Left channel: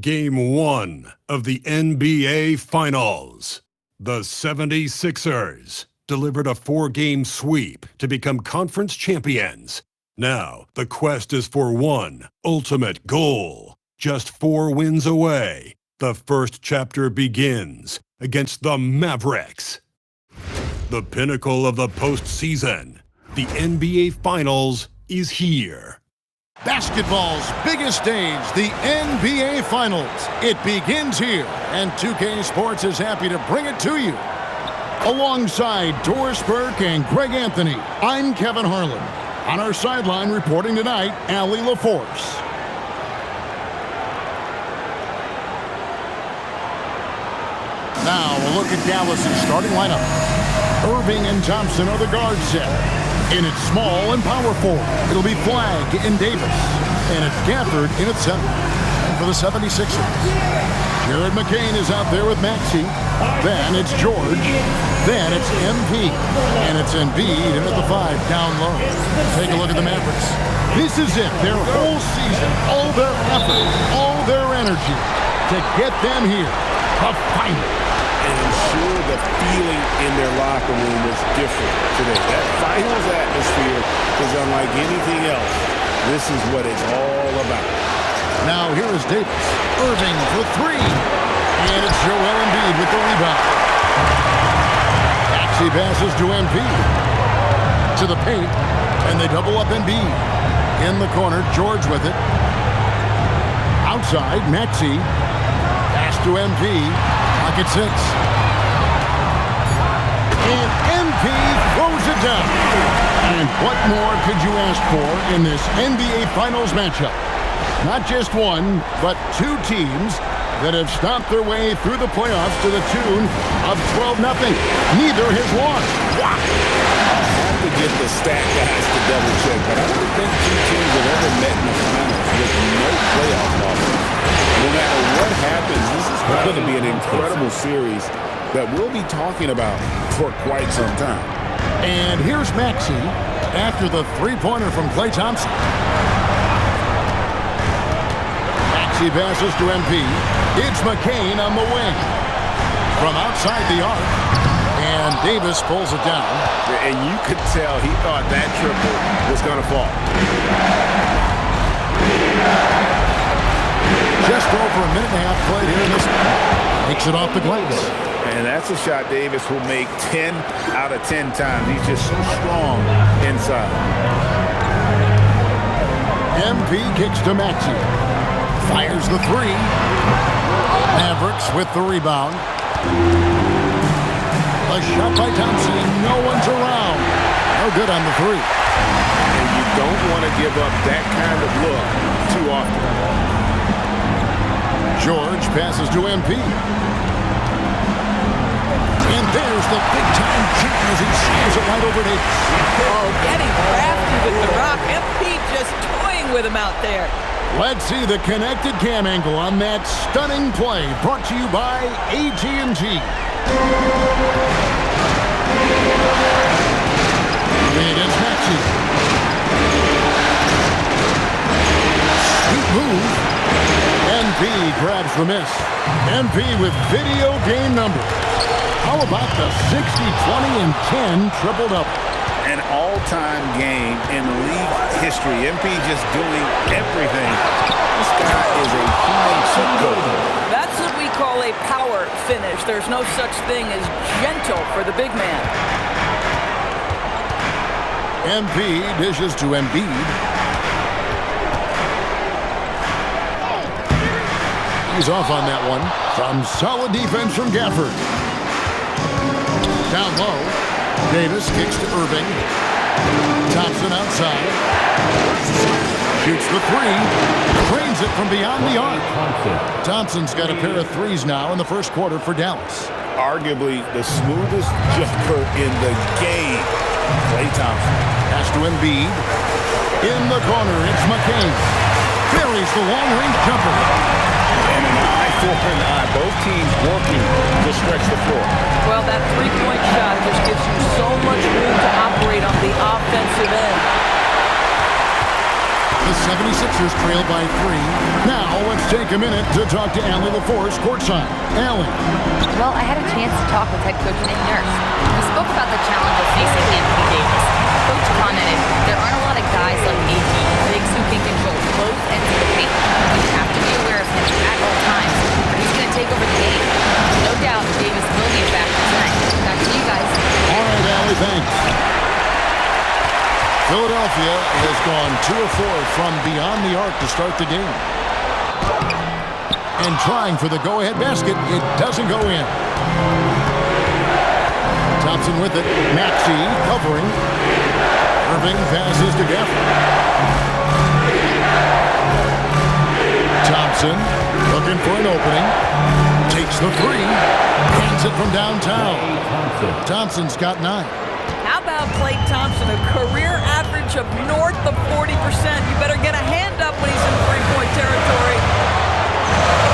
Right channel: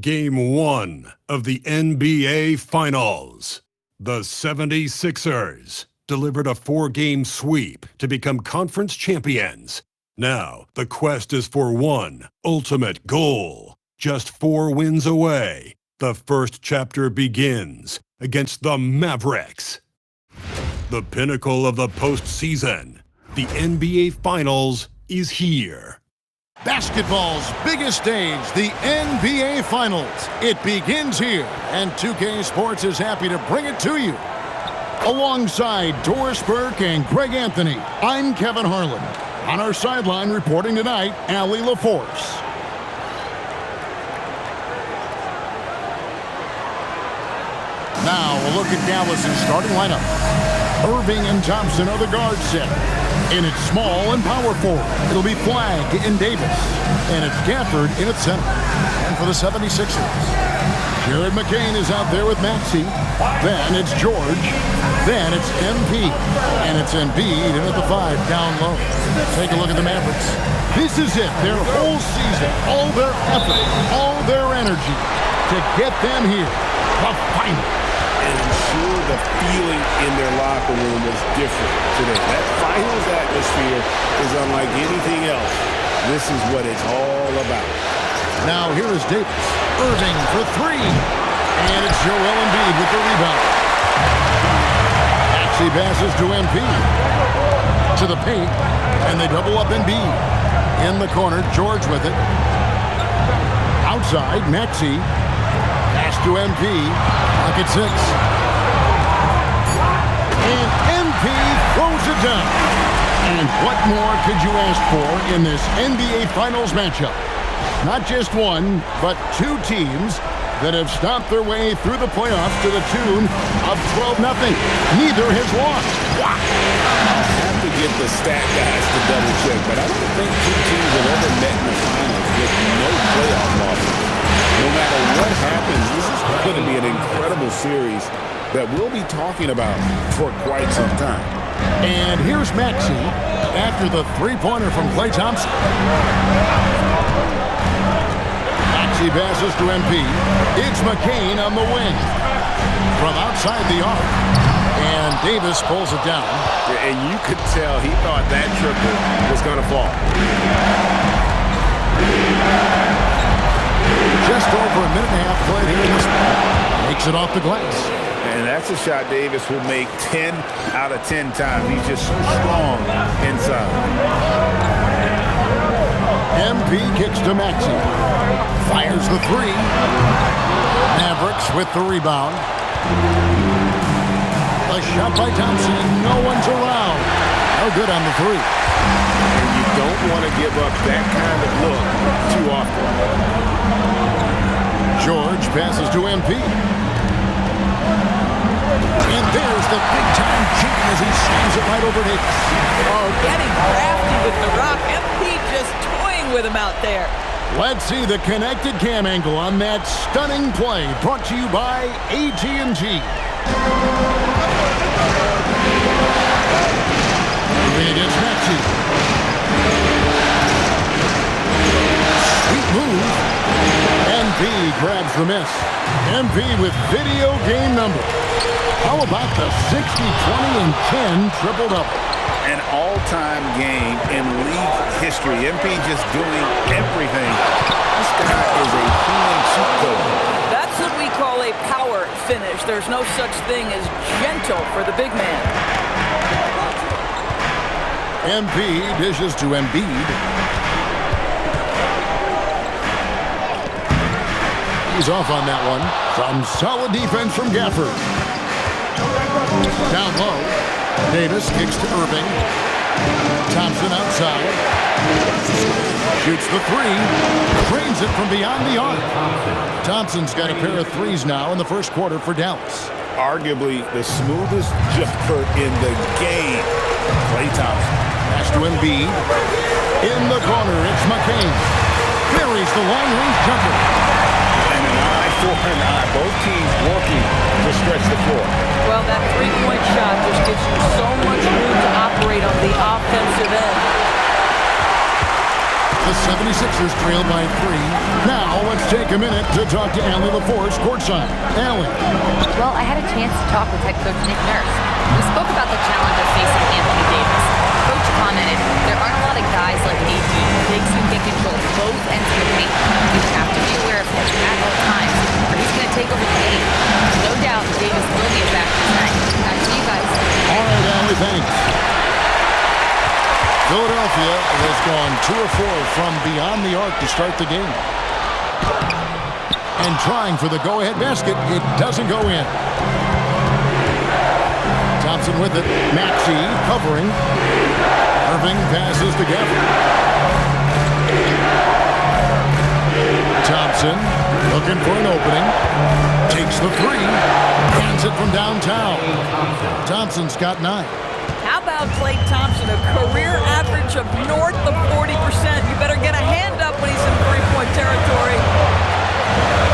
Game 1 of the NBA Finals. The 76ers delivered a 4-game sweep to become conference champions. Now, the quest is for one ultimate goal. Just 4 wins away. The first chapter begins against the Mavericks. The pinnacle of the postseason. The NBA Finals is here. Basketball's biggest stage, the NBA Finals. It begins here, and 2K Sports is happy to bring it to you. Alongside Doris Burke and Greg Anthony, I'm Kevin Harlan. On our sideline reporting tonight, Allie LaForce. Now a look at Dallas's starting lineup. Irving and Thompson are the guard set. In its small and power forward, it'll be Flagg and Davis. And it's Gafford in its center. And for the 76ers, Jared McCain is out there with Maxey. Then it's George. Then it's MP. And it's Embiid in at the 5 down low. Take a look at the Mavericks. This is it, their whole season, all their effort, all their energy to get them here, the final. And I'm sure the feeling in their locker room was different today. That finals atmosphere is unlike anything else. This is what it's all about. Now here is Davis. Irving for 3. And it's Joel Embiid with the rebound. Maxey passes to MP. To the paint. And they double up Embiid. In the corner, George with it. Outside, Maxey. Pass to MP. Clock at 6. And MP throws it down. And what more could you ask for in this NBA Finals matchup? Not just one, but 2 teams that have stomped their way through the playoffs to the tune of 12-0. Neither has lost. Wow. I'll have to get the stat guys to double check, but I don't think 2 teams have ever met in the finals with no playoff losses. No matter what happens, this is going to be an incredible series that we'll be talking about for quite some time. And here's Maxey after the 3-pointer from Klay Thompson. Maxey passes to MP. It's McCain on the wing. From outside the arc. And Davis pulls it down. And you could tell he thought that triple was going to fall. Just over a minute and a half played here in this one. Makes it off the glass. And that's a shot Davis will make 10 out of 10 times. He's just so strong inside. MP kicks to Maxey. Fires the 3. Mavericks with the rebound. A shot by Thompson and no one's around. No good on the 3. And you don't want to give up that kind of look too often. George passes to MP. And there's the big-time jam as he slams it right over Davis. Oh, getting crafty with the rock. MP just toying with him out there. Let's see the connected cam angle on that stunning play brought to you by AT&T. Moving against Maxey. Sweet move. MP grabs the miss. MP with video game numbers. How about the 60, 20, and 10 triple-double? An all-time game in league history. MP just doing everything. This guy is a human cheat code. That's what we call a power finish. There's no such thing as gentle for the big man. MP dishes to Embiid. He's off on that one. Some solid defense from Gafford. Down low. Davis kicks to Irving. Thompson outside. Shoots the 3. Cranes it from beyond the arc. Thompson's got a pair of 3s now in the first quarter for Dallas. Arguably the smoothest jumper in the game. Klay Thompson. Pass to Embiid. In the corner, it's McCain. Buries the long-range jumper. And an eye for an eye. Both teams working to stretch the floor. Well, that 3-point shot just gives you so much room to operate on the offensive end. The 76ers trail by 3. Now let's take a minute to talk to Allie LaForce courtside. Allie. Well, I had a chance to talk with head coach Nick Nurse. We spoke about the challenge of facing Anthony Davis. Coach commented, there aren't a lot of guys like AD, bigs who can control both ends of the paint. We have to be aware of him at all times, or he's going to take over the game. No doubt Davis will be a factor tonight. Back to you guys. All right, Allie, thanks. Philadelphia has gone 2 of 4 from beyond the arc to start the game. And trying for the go-ahead basket, it doesn't go in. Thompson with it. Maxey covering. Irving passes to Gafford. Thompson looking for an opening. Takes the 3. Hands it from downtown. Thompson's got 9. How about Klay Thompson, a career average of north of 40%? You better get a hand up when he's in three-point territory.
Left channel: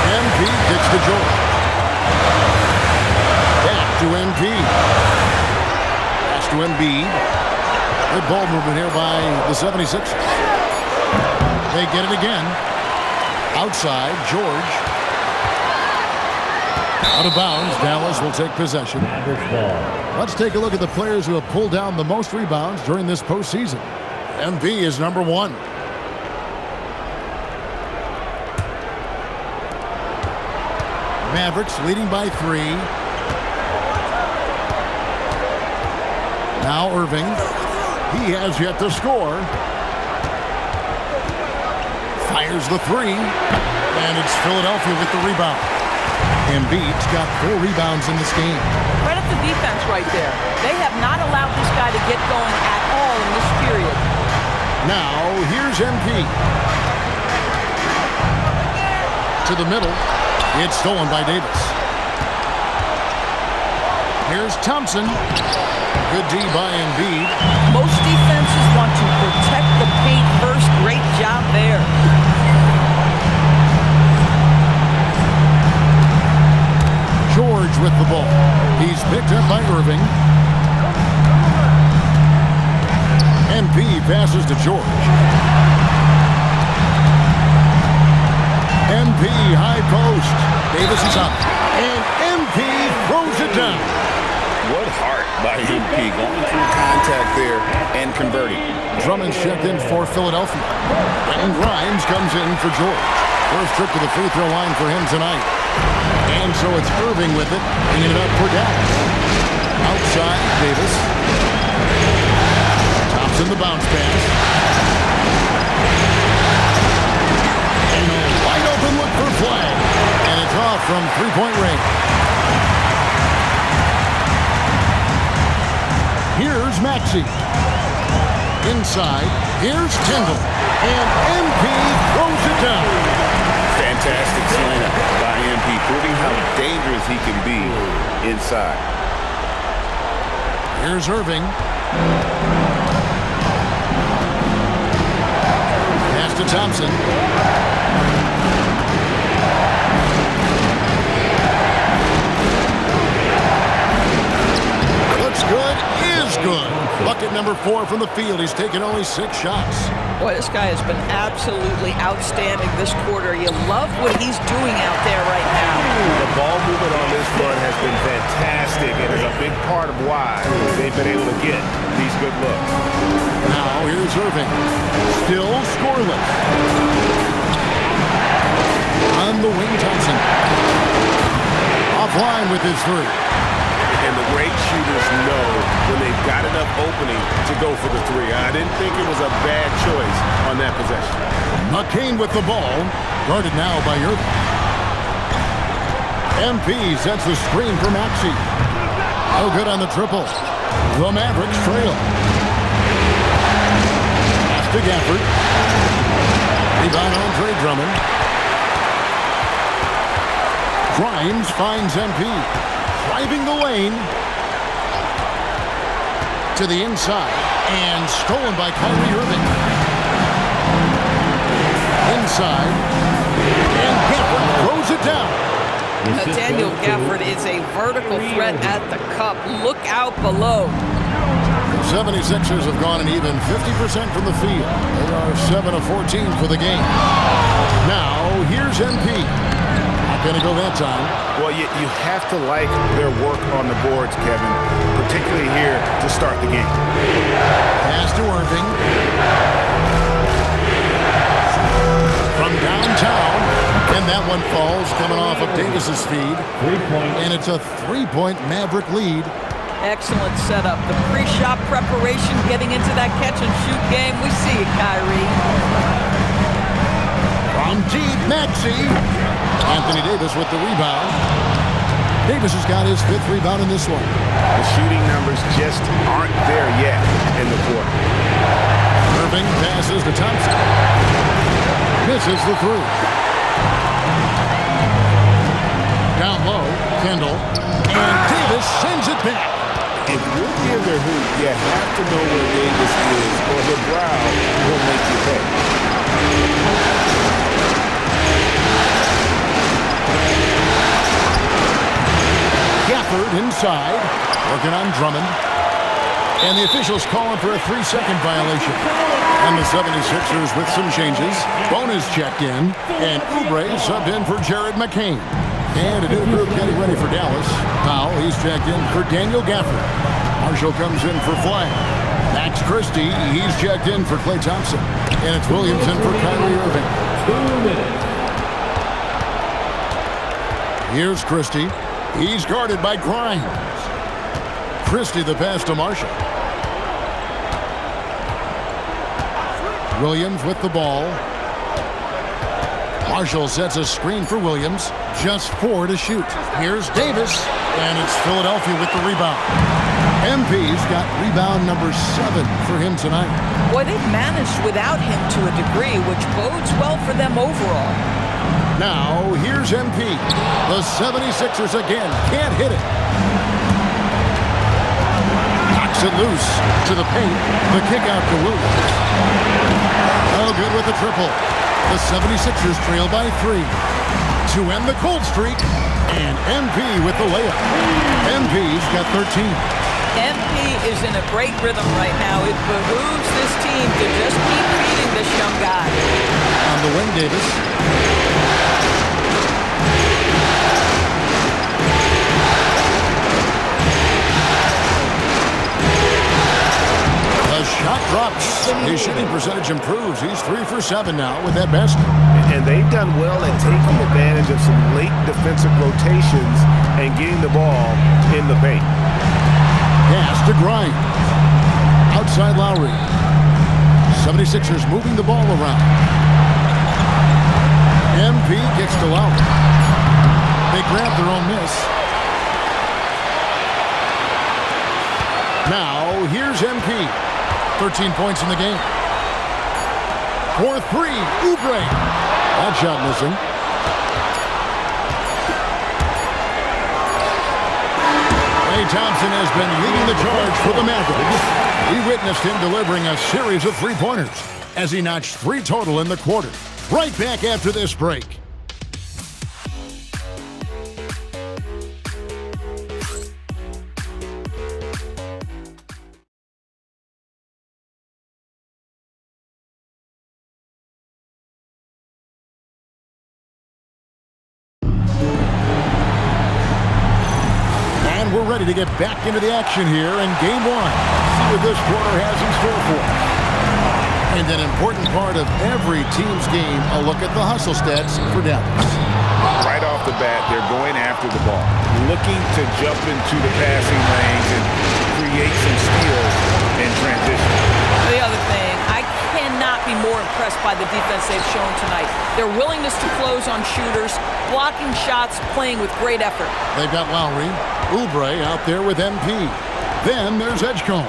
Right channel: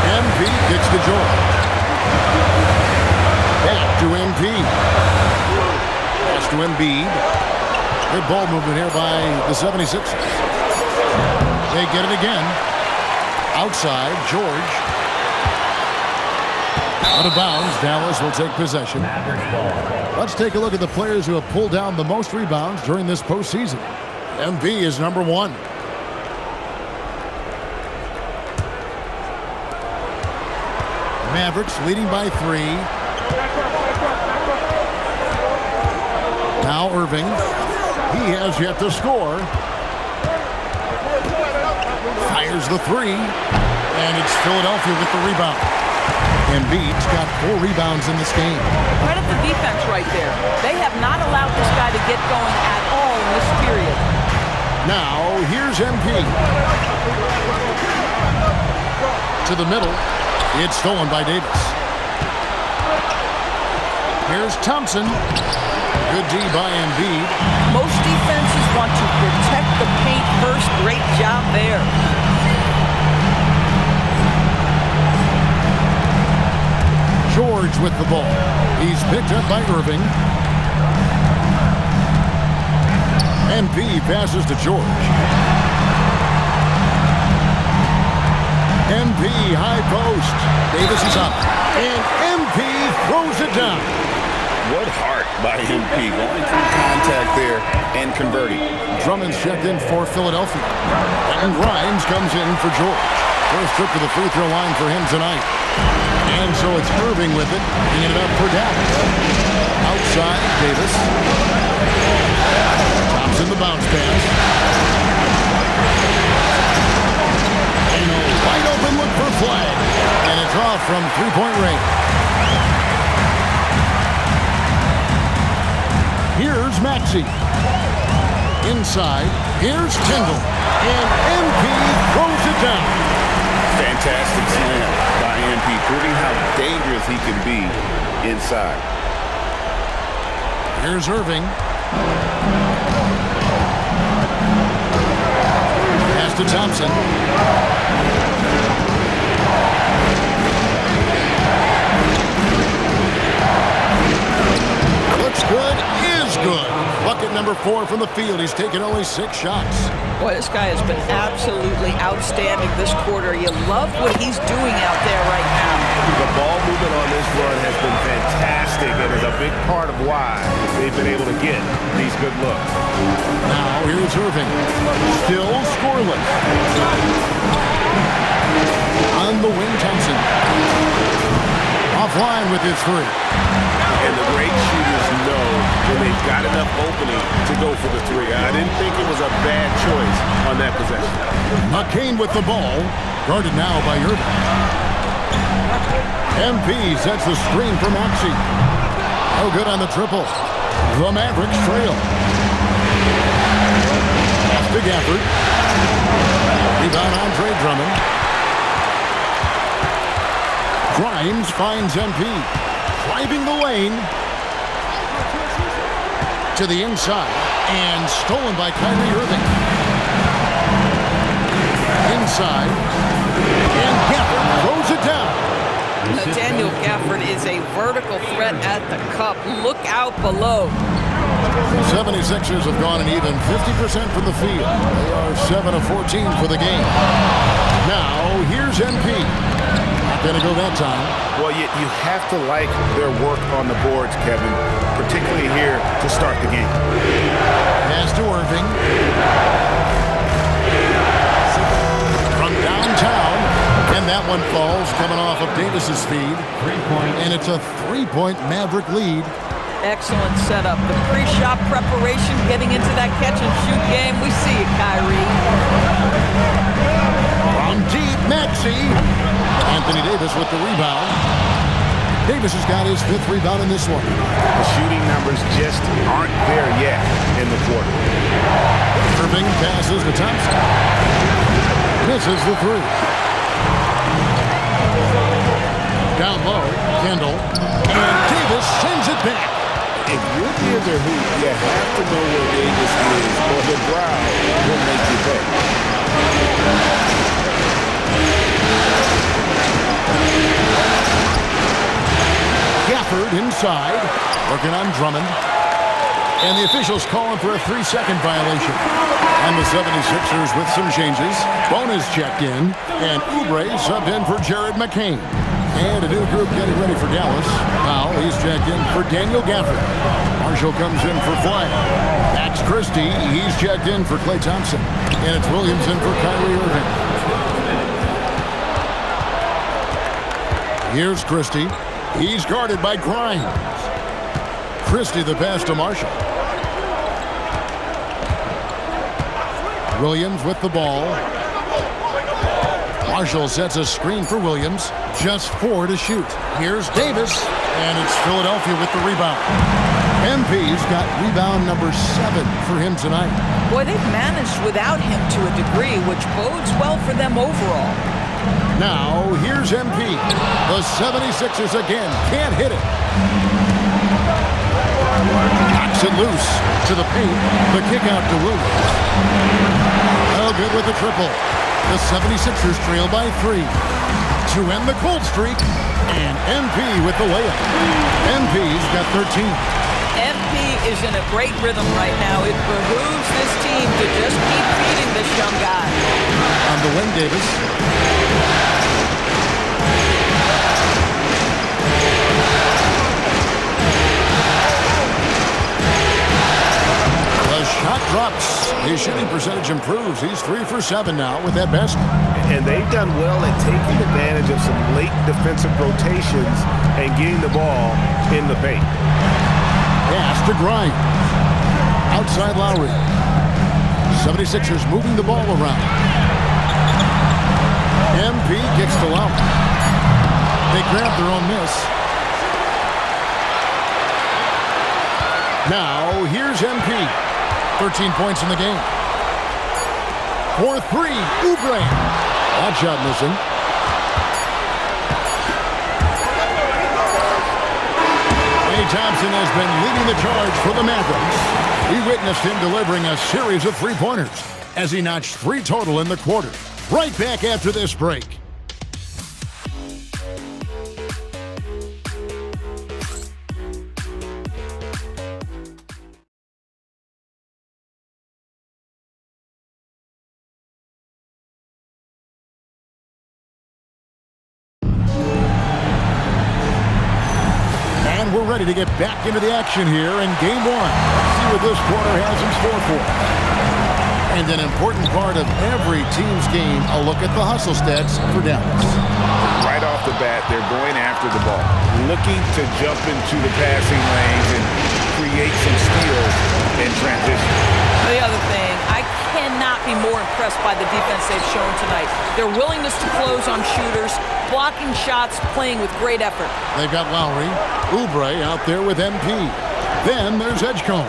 MP kicks to George. Back to MP. Pass to Embiid. Good ball movement here by the 76ers. They get it again. Outside, George. Out of bounds, Dallas will take possession. Let's take a look at the players who have pulled down the most rebounds during this postseason. MB is number 1. Mavericks leading by 3. Now Irving. He has yet to score. Fires the 3. And it's Philadelphia with the rebound. Embiid's got 4 rebounds in this game. Credit the defense right there. They have not allowed this guy to get going at all in this period. Now, here's MP. To the middle. It's stolen by Davis. Here's Thompson. Good D by Embiid. Most defenses want to protect the paint first. Great job there. George with the ball. He's picked up by Irving. MP passes to George. MP high post. Davis is up. And MP throws it down. What heart by MP, going through contact there and converting. Drummond's checked in for Philadelphia. Quentin Grimes comes in for George. First trip to the free throw line for him tonight. And so it's Irving with it, bringing it up for Dallas. Outside, Davis. Thompson the bounce pass. And a wide open look for flag. And it's off from three-point range. Here's Maxey. Inside, here's Tyndall. And MP throws it down. Fantastic slam by MP, proving how dangerous he can be inside. Here's Irving. Pass to Thompson. Looks good, is good. Bucket number 4 from the field. He's taken only 6 shots. Boy, this guy has been absolutely outstanding this quarter. You love what he's doing out there right now. The ball movement on this run has been fantastic and is a big part of why they've been able to get these good looks. Now here's Irving. Still scoreless. On the wing, Thompson. Offline with his 3. And the great shooters know when they've got enough opening to go for the 3. I didn't think it was a bad choice on that possession. McCain with the ball. Guarded now by Irving. MP sets the screen for Maxey. No good on the triple. The Mavericks trail. Pass to Gafford. Rebound Andre Drummond. Grimes finds MP. Driving the lane to the inside and stolen by Kyrie Irving. Inside and Gafford throws it down. Daniel Gafford is a vertical threat at the cup. Look out below. 76ers have gone an even 50% from the field. They are 7 of 14 for the game. Now, here's MP. Not going to go that time. Well, you have to like their work on the boards, Kevin, particularly here to start the game. Pass to Irving. From downtown, and that one falls coming off of Davis's feed. 3-point. And it's a 3-point Maverick lead. Excellent setup. The pre-shot preparation, getting into that catch-and-shoot game. We see it, Kyrie. From deep, Maxey. Anthony Davis with the rebound. Davis has got his 5th rebound in this one. The shooting numbers just aren't there yet in the quarter. Irving passes to Thompson. Misses the 3. Down low, Kendall. And Davis sends it back. If you're near their hoop, you have to know where Davis is, or the brow will make you pay. Gafford inside, working on Drummond. And the officials calling for a 3-second violation. And the 76ers with some changes. Bona's checked in, and Oubre subbed in for Jared McCain. And a new group getting ready for Dallas. Powell, he's checked in for Daniel Gafford. Marshall comes in for Flagg. Max Christie, he's checked in for Klay Thompson. And it's Williams in for Kyrie Irving. 2 minutes. Here's Christie. He's guarded by Grimes. Christie the pass to Marshall. Williams with the ball. Marshall sets a screen for Williams. Just 4 to shoot. Here's Davis, and it's Philadelphia with the rebound. MP's got rebound number 7 for him tonight. Boy, they've managed without him to a degree, which bodes well for them overall. Now, here's MP. The 76ers again can't hit it. Knocks it loose to the paint. The kick out to Williams. Oh, good with the triple. The 76ers trail by 3. To end the cold streak, and MP with the layup. MP's got 13. MP is in a great rhythm right now. It behooves this team to just keep feeding this young guy. On the wing, Davis. The shot drops. His shooting percentage improves. He's 3 for 7 now with that basket. And they've done well at taking advantage of some late defensive rotations and getting the ball in the paint. Pass to Grimes. Outside Lowry. 76ers moving the ball around. MP kicks to Lowry. They grab their own miss. Now, here's MP. 13 points in the game. For 3, Oubre. That shot missing. Klay Thompson has been leading the charge for the Mavericks. We witnessed him delivering a series of three-pointers as he notched 3 total in the quarter. Right back after this break. And we're ready to get back into the action here in Game 1. Let's see what this quarter has in store for us. And an important part of every team's game, a look at the hustle stats for Dallas. Right off the bat, they're going after the ball, looking to jump into the passing lanes and create some steals in transition. The other thing, I cannot be more impressed by the defense they've shown tonight. Their willingness to close on shooters, blocking shots, playing with great effort. They've got Lowry, Oubre out there with MP. Then there's Edgecombe.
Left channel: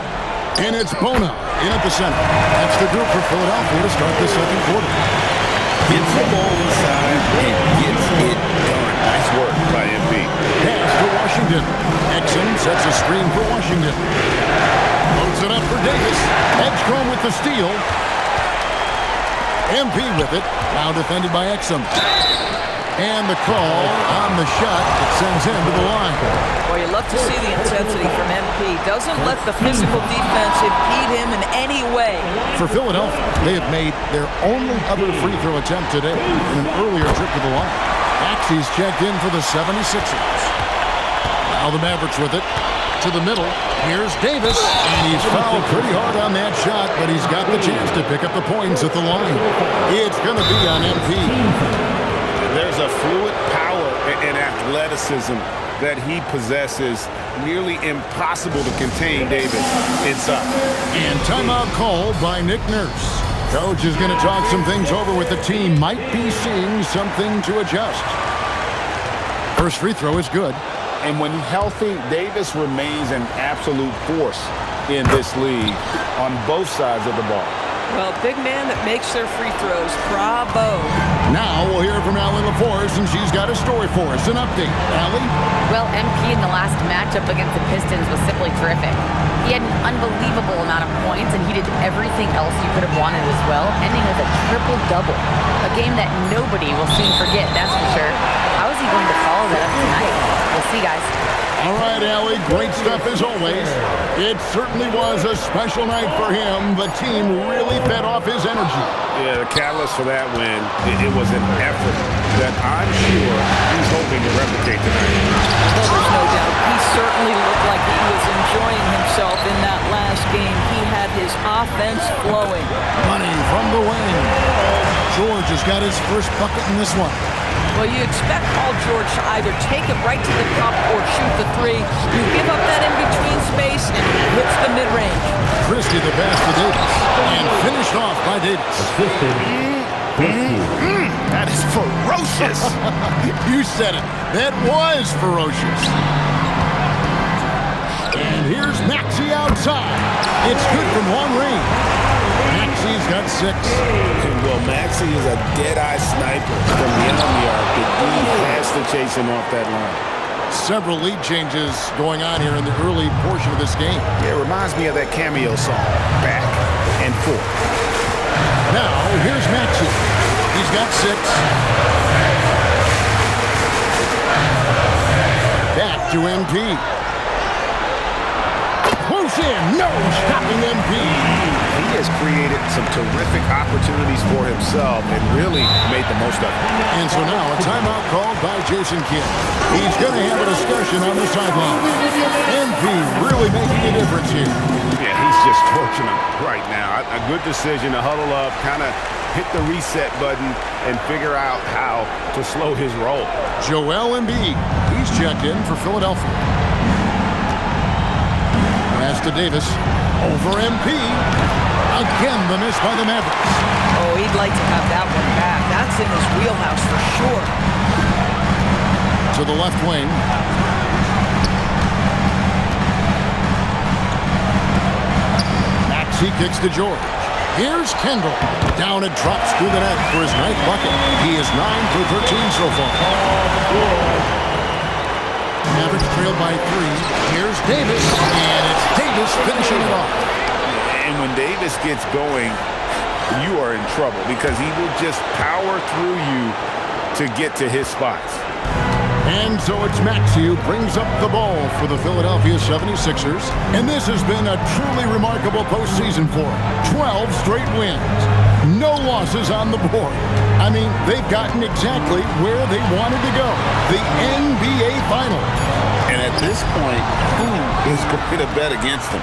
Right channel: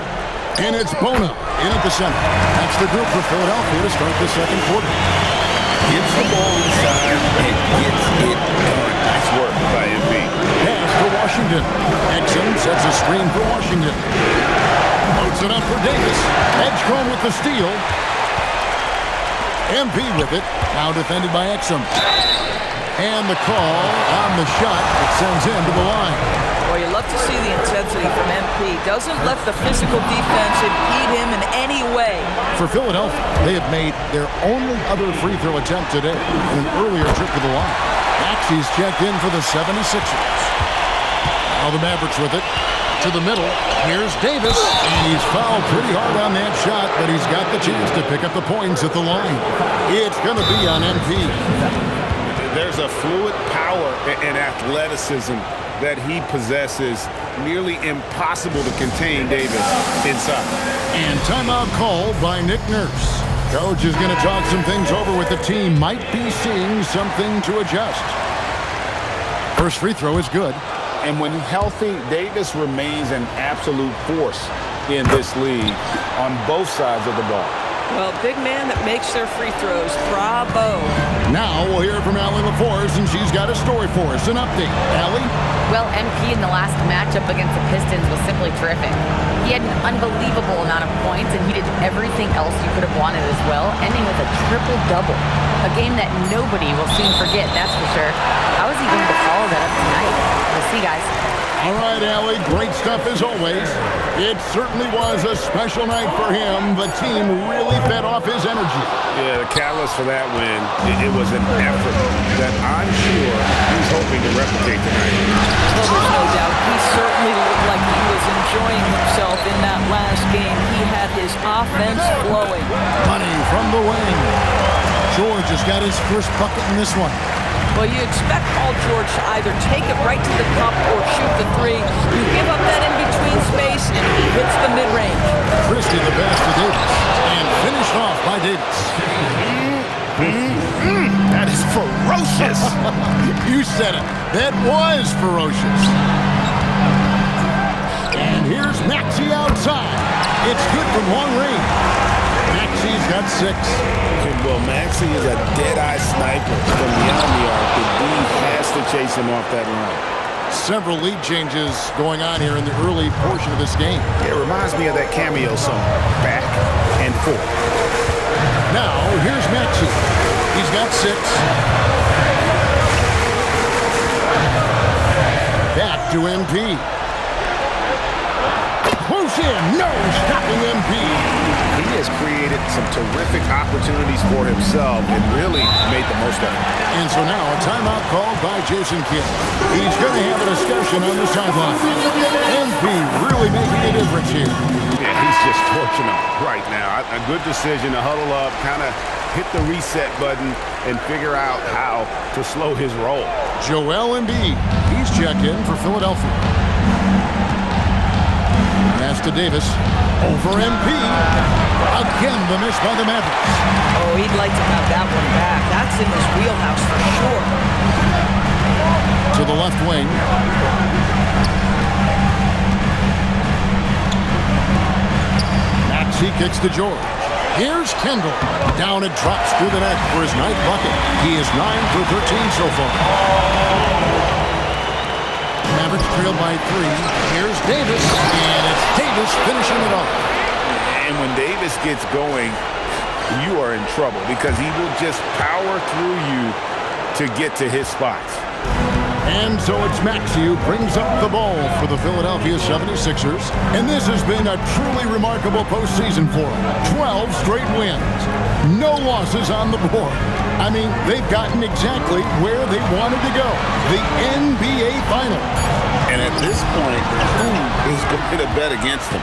And it's Bona in at the center. That's the group for Philadelphia to start the second quarter. Gets the ball inside and gets it done. Nice work by MP. Pass to Washington. Exum sets a screen for Washington. Loads it up for Davis. Edgecombe with the steal. MP with it. Now defended by Exum. And the call on the shot, it sends him to the line. Well, you love to see the intensity from MP. Doesn't let the physical defense impede him in any way. For Philadelphia, they have made their only other free throw attempt today in an earlier trip to the line. Maxey's checked in for the 76ers. Now the Mavericks with it. To the middle. Here's Davis. And he's fouled pretty hard on that shot, but he's got the chance to pick up the points at the line. It's going to be on MP. There's a fluid power and athleticism that he possesses, nearly impossible to contain Davis inside. And timeout called by Nick Nurse. Coach is going to talk some things over with the team. Might be seeing something to adjust. First free throw is good. And when healthy, Davis remains an absolute force in this league on both sides of the ball. Well, big man that makes their free throws. Bravo. Now we'll hear from Allie LaForce, and she's got a story for us. An update. Allie? Well, MP in the last matchup against the Pistons was simply terrific. He had an unbelievable amount of points, and he did everything else you could have wanted as well, ending with a triple-double. A game that nobody will soon forget, that's for sure. How is he going to follow that up tonight? We'll see, guys. All right, Allie, great stuff as always. It certainly was a special night for him. The team really fed off his energy. Yeah, the catalyst for that win, it was an effort that I'm sure he's hoping to replicate tonight. Well, there's no doubt. He certainly looked like he was enjoying himself in that last game. He had his offense flowing. Money from the wing. George has got his first bucket in this one. Well, you expect Paul George to either take it right to the cup or shoot the three. You give up that in-between space, and he hits the mid-range. Christie the pass to Davis, and finished off by Davis. That is ferocious. You said it. That was ferocious. And here's Maxey outside. It's good from long range. Maxey's got 6. Well, Maxey is a dead-eye sniper from beyond the arc. The D has to chase him off that line. Several lead changes going on here in the early portion of this game. It reminds me of that cameo song, Back and Forth. Now, here's Maxey. He's got 6. Back to MP. Close in, no stopping MP. He has created some terrific opportunities for himself and really made the most of it. And so now a timeout called by Jason Kidd. He's going to have a discussion on the sideline. MP really making a difference here. Yeah, he's just torching them right now. A good decision to huddle up, kind of hit the reset button and figure out how to slow his roll. Joel Embiid, he's checked in for Philadelphia. Pass to Davis. Over MP. Again, the miss by the Mavericks. Oh, he'd like to have that one back. That's in his wheelhouse for sure. To the left wing. Maxey kicks to George. Here's Kendall. Down it drops through the net for his 9th bucket. He is 9 for 13 so far. Mavericks trail by 3. Here's Davis, and it's Davis finishing it off. And when Davis gets going, you are in trouble because he will just power through you to get to his spots. And so it's Maxey who brings up the ball for the Philadelphia 76ers. And this has been a truly remarkable postseason for them. 12 straight wins. No losses on the board. I mean, they've gotten exactly where they wanted to go. The NBA Finals. And at this point, who is going to bet against them?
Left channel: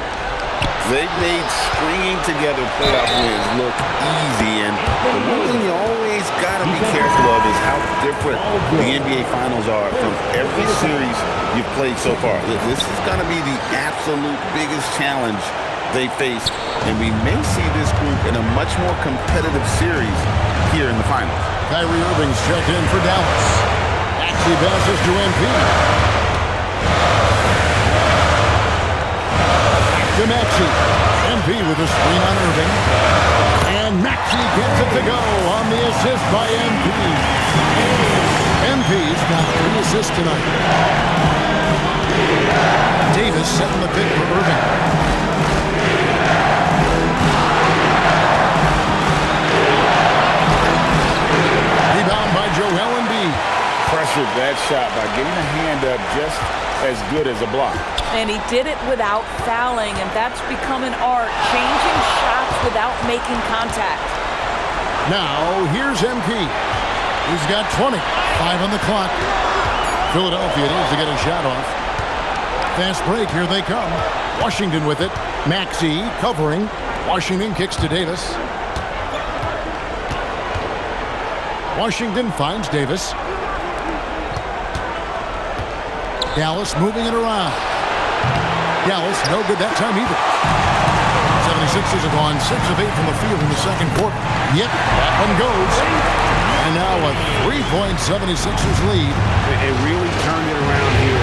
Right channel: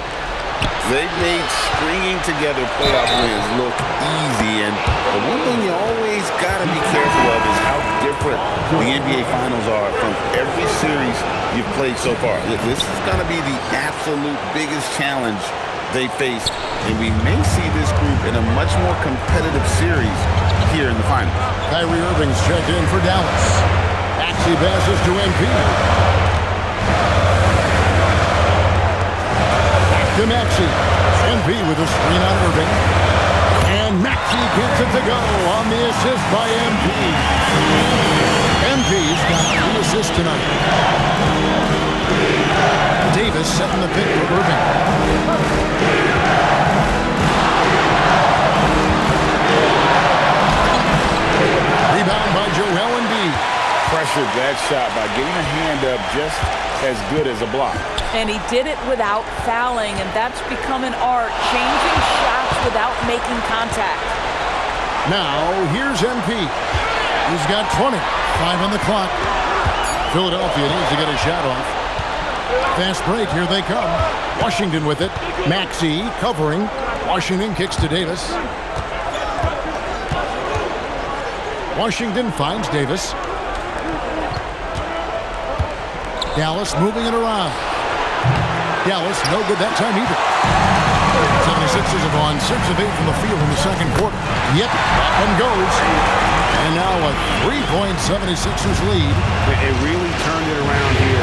They've made stringing together playoff wins look easy. And the one thing you always got to be careful of is how different the NBA Finals are from every series you've played so far. This is going to be the absolute biggest challenge they faced. And we may see this group in a much more competitive series here in the finals. Kyrie Irving's checked in for Dallas. Maxey passes to MP. Back to Maxey. MP with a screen on Irving. And Maxey gets it to go on the assist by MP. MP's got 3 assists tonight. Davis setting the pick for Irving. Rebound by Joel Embiid. pressured that shot by getting a hand up just as good as a block. And he did it without fouling, and that's become an art, changing shots without making contact. Now, here's MP. He's got 20. 5 on the clock. Philadelphia needs to get a shot off. Fast break, here they come. Washington with it. Maxey covering. Washington kicks to Davis. Washington finds Davis. Dallas moving it around. Dallas no good that time either. 76ers have gone 6 of 8 from the field in the second quarter. Yep, that one goes. And now a 3-point 76ers lead. It really turned it around here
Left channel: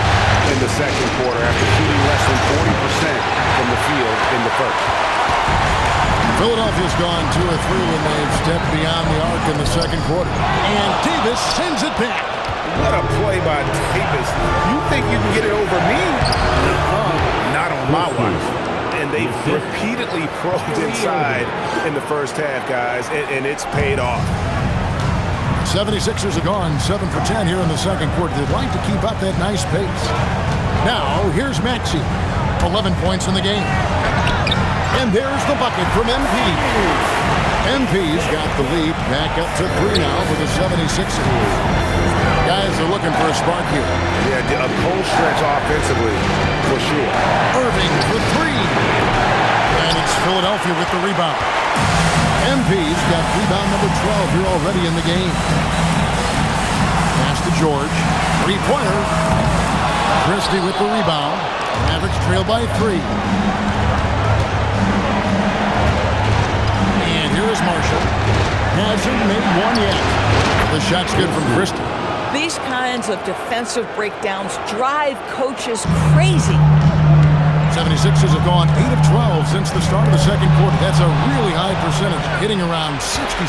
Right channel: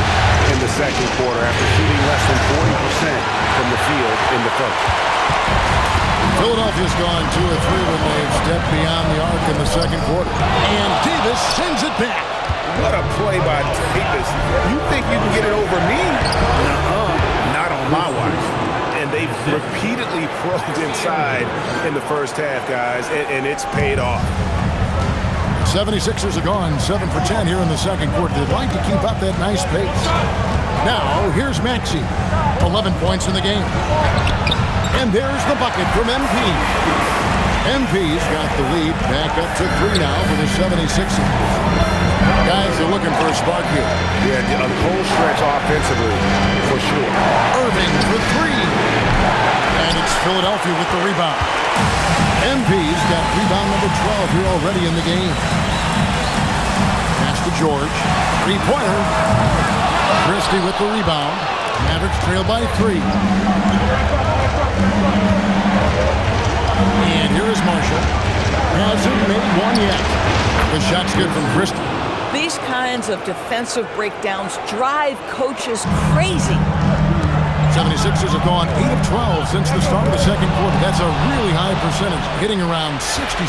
in the second quarter after shooting less than 40% from the field in the first. Philadelphia's gone 2 of 3 when they've stepped beyond the arc in the second quarter. And Davis sends it back. What a play by Davis. You think you can get it over me? Nuh-uh. Not on my watch. And they've repeatedly probed inside in the first half, guys, and it's paid off. 76ers are gone 7 for 10 here in the second quarter. They'd like to keep up that nice pace. Now, here's Maxey. 11 points in the game. And there's the bucket from MP. MP's got the lead back up to 3 now for the 76ers. Guys are looking for a spark here. Yeah, a cold stretch offensively, for sure. Irving for 3. And it's Philadelphia with the rebound. MP's got rebound number 12 here already in the game. Pass to George. 3-pointer. Christie with the rebound. Mavericks trail by 3. And here is Marshall. Hasn't made one yet. The shot's good from Christie. These kinds of defensive breakdowns drive coaches crazy. 76ers have gone 8 of 12 since the start of the second quarter. That's a really high percentage, hitting around 67%.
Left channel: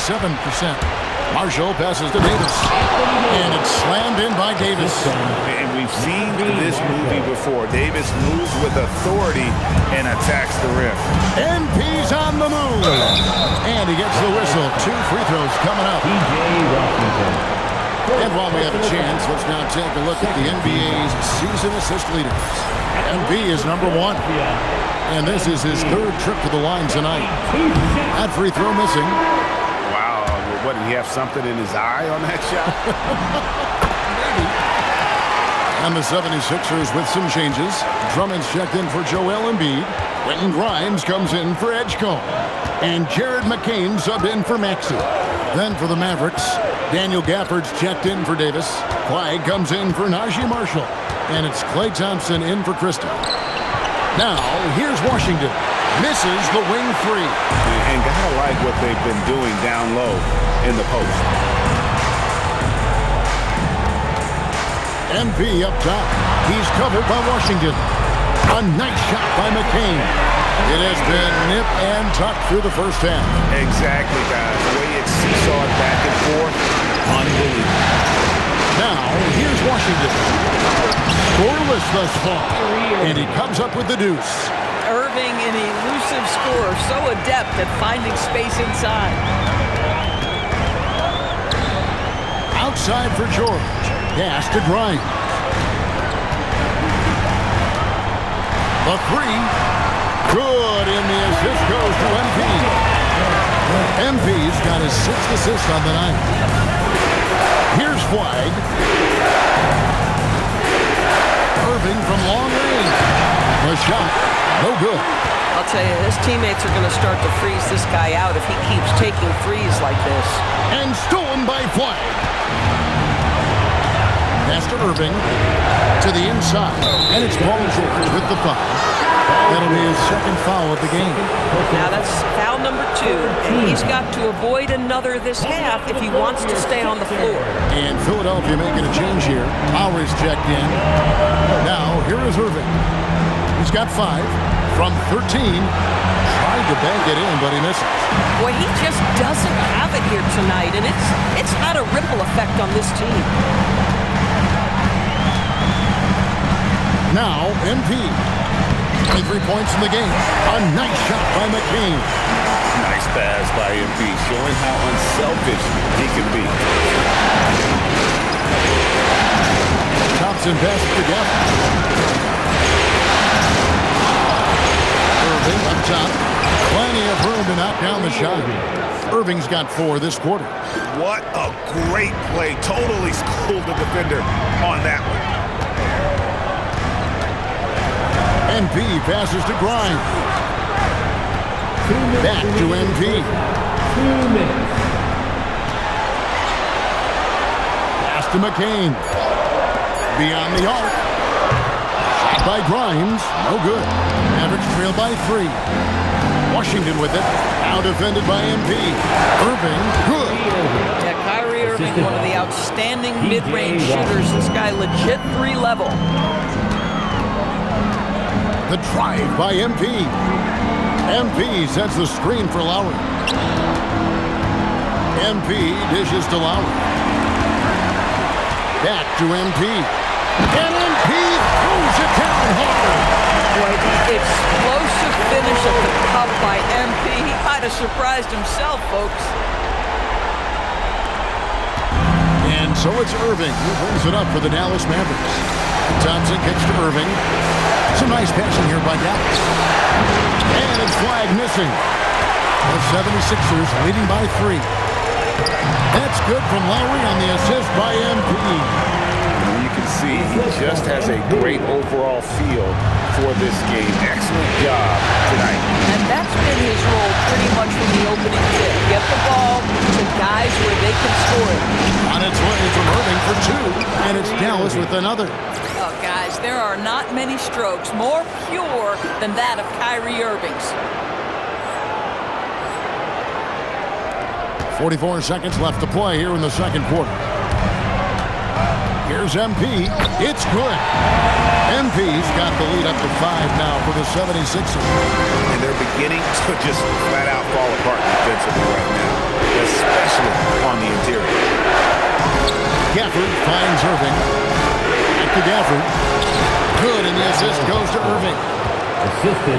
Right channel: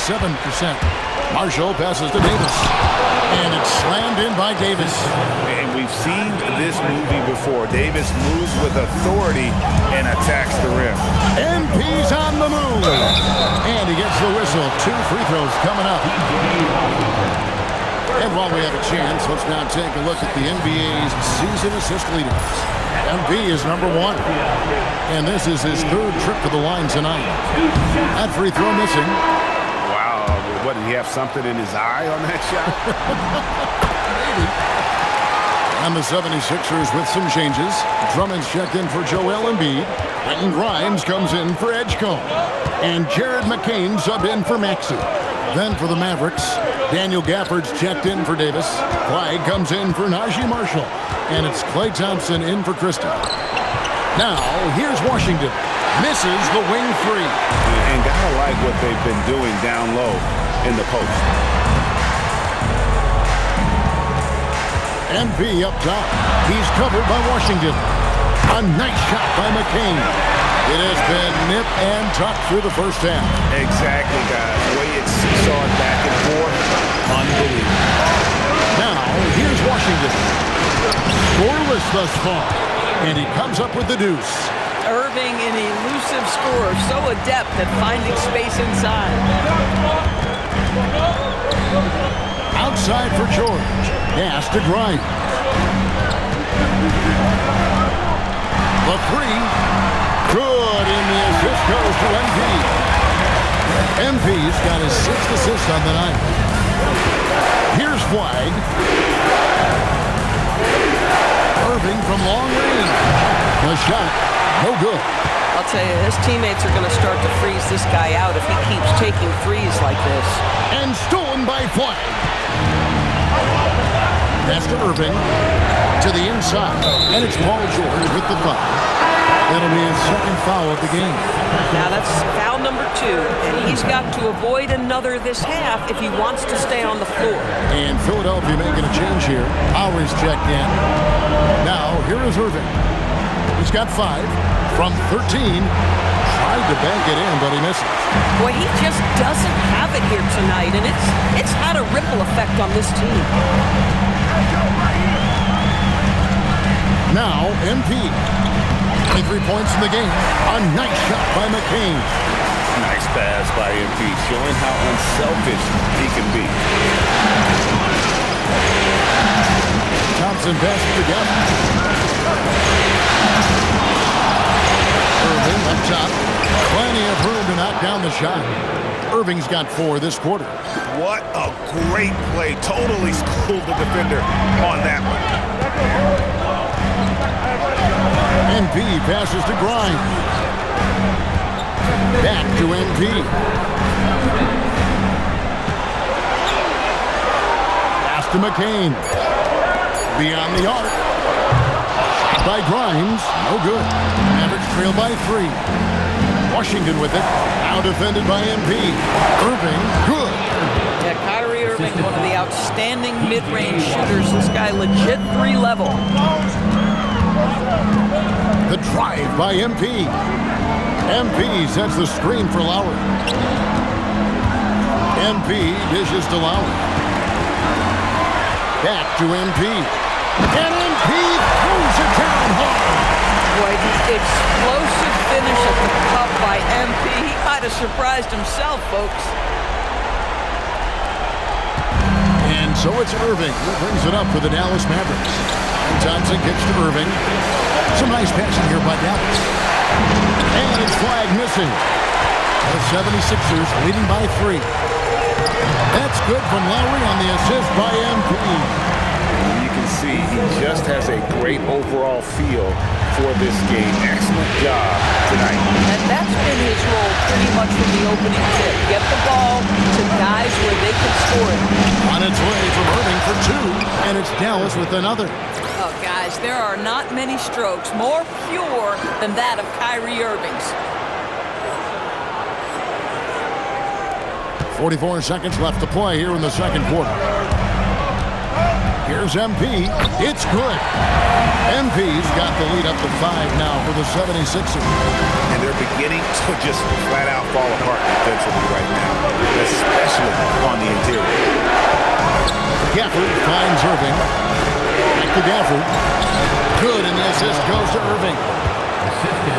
Marshall passes to Davis. And it's slammed in by Davis. And we've seen this movie before. Davis moves with authority and attacks the rim. MP's on the move. And he gets the whistle. 2 free throws coming up. And while we have a chance, let's now take a look at the NBA's season assist leaders. MP is number 1. And this is his 3rd trip to the line tonight. That free throw missing. Wow, what, did he have something in his eye on that shot? Maybe. And the 76ers with some changes. Drummond's checked in for Joel Embiid. Quentin Grimes comes in for Edgecombe. And Jared McCain subbed in for Maxey. Then for the Mavericks, Daniel Gafford's checked in for Davis. Clyde comes in for Najee Marshall. And it's Klay Thompson in for Christie. Now, here's Washington. Misses the wing 3. And gotta like what they've been doing down low in the post. MP up top. He's covered by Washington. A nice shot by McCain. It has been nip and tuck through the first half. Exactly, guys. The way it's seesawed back and forth, unbelievable. Now, here's Washington. Scoreless thus far. And he comes up with the deuce. Irving, an elusive scorer, so adept at finding space inside. Outside for George. Pass to Grimes. The 3. Good, and the assist goes to MP. MP's got his 6th assist on the night. Here's Flag. Irving from long range. The shot, no good. I'll tell you, his teammates are going to start to freeze this guy out if he keeps taking threes like this. And stolen by Flag. Pass to Irving. To the inside. And it's Paul George with the foul. That'll be his 2nd foul of the game. Now that's foul number 2, and he's got to avoid another this half if he wants to stay on the floor. And Philadelphia making a change here. Lowry's checked in. Now, here is Irving. He's got 5 from 13. Tried to bank it in, but he misses. Boy, he just doesn't have it here tonight, and it's had a ripple effect on this team. Now, MP. 23 points in the game. A nice shot by McCain. Nice pass by MP, showing how unselfish he can be. Thompson passes to Gafford. Irving up top. Plenty of room to knock down the shot. Irving's got 4 this quarter. What a great play. Totally schooled the defender on that one. MP passes to Grimes. Back to MP. Pass to McCain. Beyond the arc. Shot by Grimes. No good. Mavericks trail by 3. Washington with it. Now defended by MP. Irving, good. Yeah, Kyrie Irving, one of the outstanding mid-range shooters. This guy legit 3-level. The drive by MP. MP sets the screen for Lowry. MP dishes to Lowry. Back to MP. And MP throws it down hard. Boy, the explosive finish at the cup by MP. He might have surprised himself, folks. And so it's Irving who brings it up for the Dallas Mavericks. And Thompson kicks to Irving. Some nice passing here by Dallas. And it's flag missing. The 76ers leading by 3. That's good from Lowry on the assist by MP. You can see he just has a great overall feel for this game. Excellent job tonight. And that's been his role pretty much from the opening tip. Get the ball to guys where they can score it. On its way from Irving for 2, and it's Dallas with another. Oh, guys, there are not many strokes more pure than that of Kyrie Irving's. 44 seconds left to play here in the second quarter. Here's MP. It's good. MP's got the lead up to 5 now for the 76ers. And they're beginning to just flat out fall apart defensively right now, especially on the interior. Gafford finds Irving. Back to Gafford. Good, and the assist goes to Irving.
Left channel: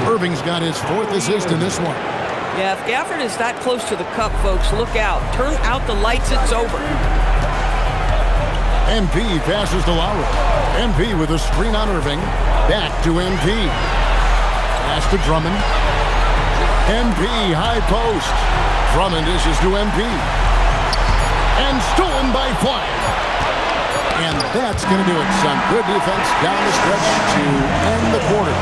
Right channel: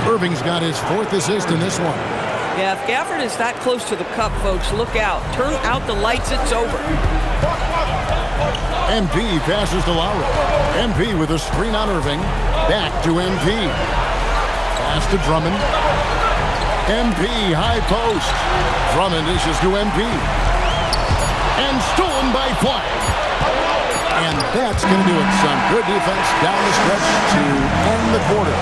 Irving's got his 4th assist in this one. Yeah, if Gafford is that close to the cup, folks, look out. Turn out the lights, it's over. MP passes to Lowry. MP with a screen on Irving. Back to MP. Pass to Drummond. MP, high post. Drummond dishes to MP. And stolen by Flag. And that's going to do it. Some good defense down the stretch to end the quarter.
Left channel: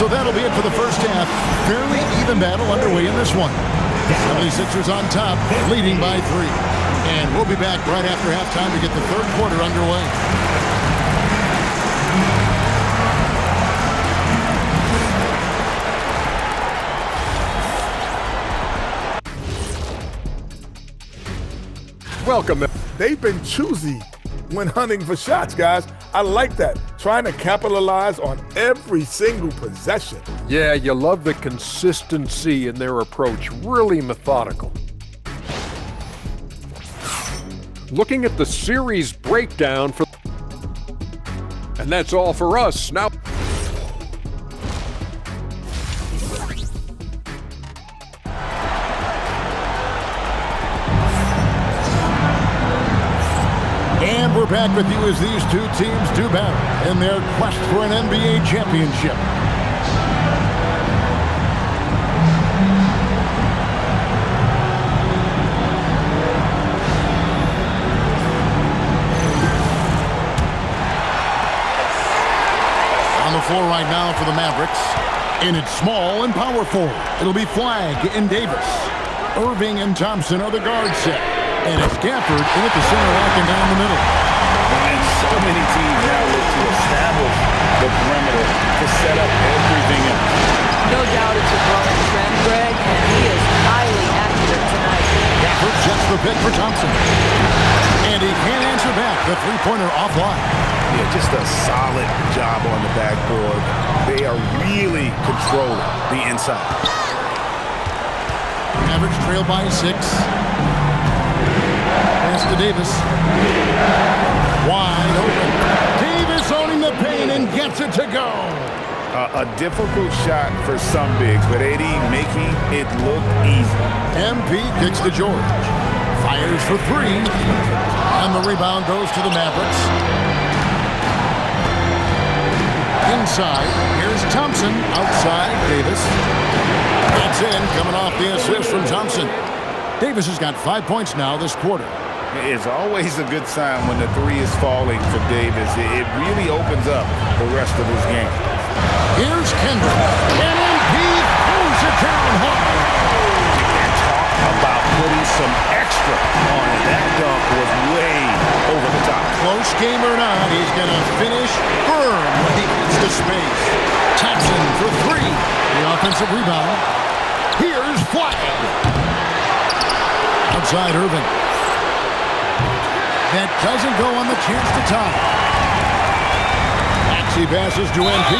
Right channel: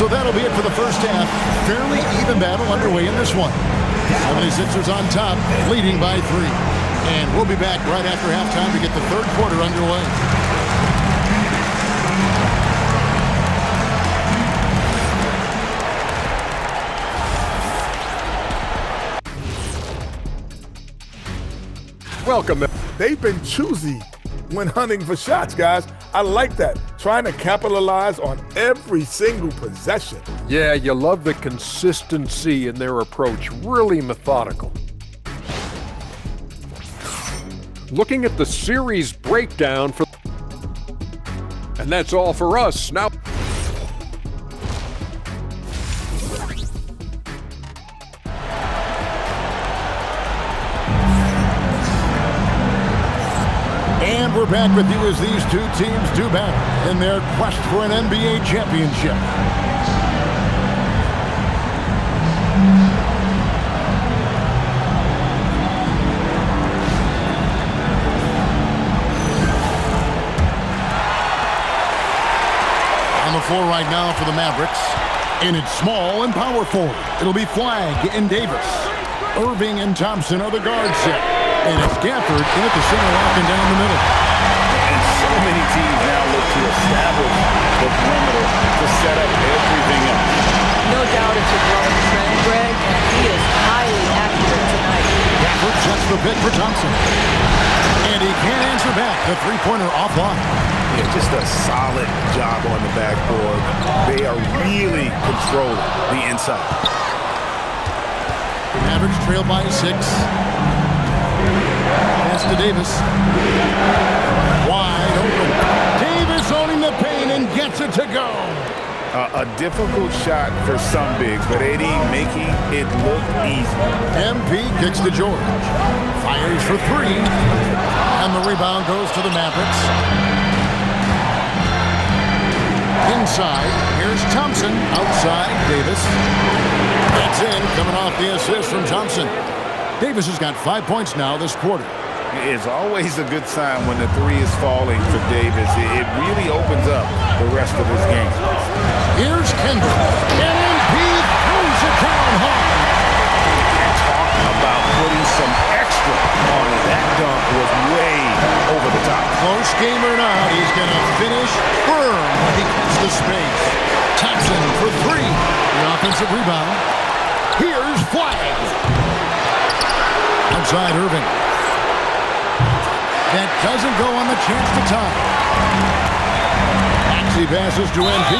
So that'll be it for the first half. Fairly even battle underway in this one. 76ers on top, leading by 3. And we'll be back right after halftime to get the third quarter underway. Welcome. They've been choosy when hunting for shots, guys. I like that. Trying to capitalize on every single possession. Yeah, you love the consistency in their approach. Really methodical. Looking at the series breakdown for... And that's all for us. Now... And we're back with you as these two teams do battle in their quest for an NBA championship. On the floor right now for the Mavericks. In its small and power forward, it'll be Flag and Davis. Irving and Thompson are the guard set. And it's Gafford in at the center, locking down the middle. And so many teams now look to establish the perimeter to set up everything else. No doubt it's a growing trend, Greg, and he is highly accurate tonight. Gafford sets the pick for Thompson. And he can't answer back. The three-pointer offline. Yeah, just a solid job on the backboard. They are really controlling the inside. Mavericks trail by 6. Pass to Davis. Wide open. Davis owning the paint and gets it to go. A difficult shot for some bigs, but AD making it look easy. MP kicks to George. Fires for 3. And the rebound goes to the Mavericks. Inside, here's Thompson. Outside, Davis. That's in, coming off the assist from Thompson. Davis has got 5 points now this quarter. It's always a good sign when the three is falling for Davis. It really opens up the rest of his game. Here's Kendall. And MP throws it down hard. And talk about putting some extra on it. That dunk was way over the top. Close game or not, he's going to finish firm when he gets to space. Thompson for three. The offensive rebound. Here's Flag. Outside Irving. That doesn't go on the chance to tie. Maxey passes to MP.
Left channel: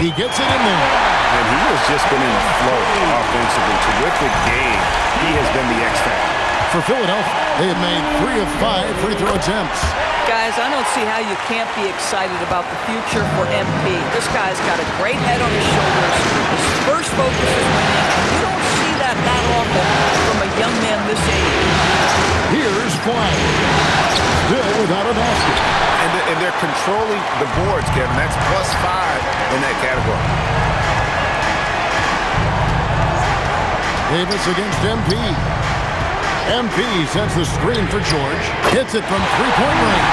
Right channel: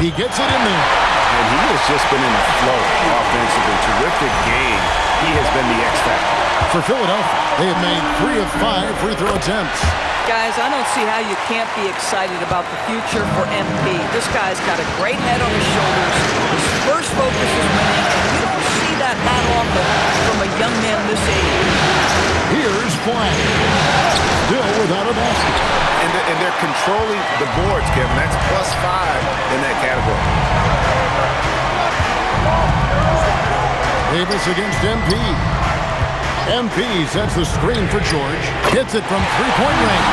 He gets it in there. And he has just been in a flow offensively. Terrific game. He has been the X factor. For Philadelphia, they have made 3 of 5 free throw attempts. Guys, I don't see how you can't be excited about the future for MP. This guy's got a great head on his shoulders. His first focus is winning, and you don't see that often from a young man this age. Here's Flag. Still without a basket. And they're controlling the boards, Kevin. That's +5 in that category. Davis against MP. MP sets the screen for George. Hits it from three-point range.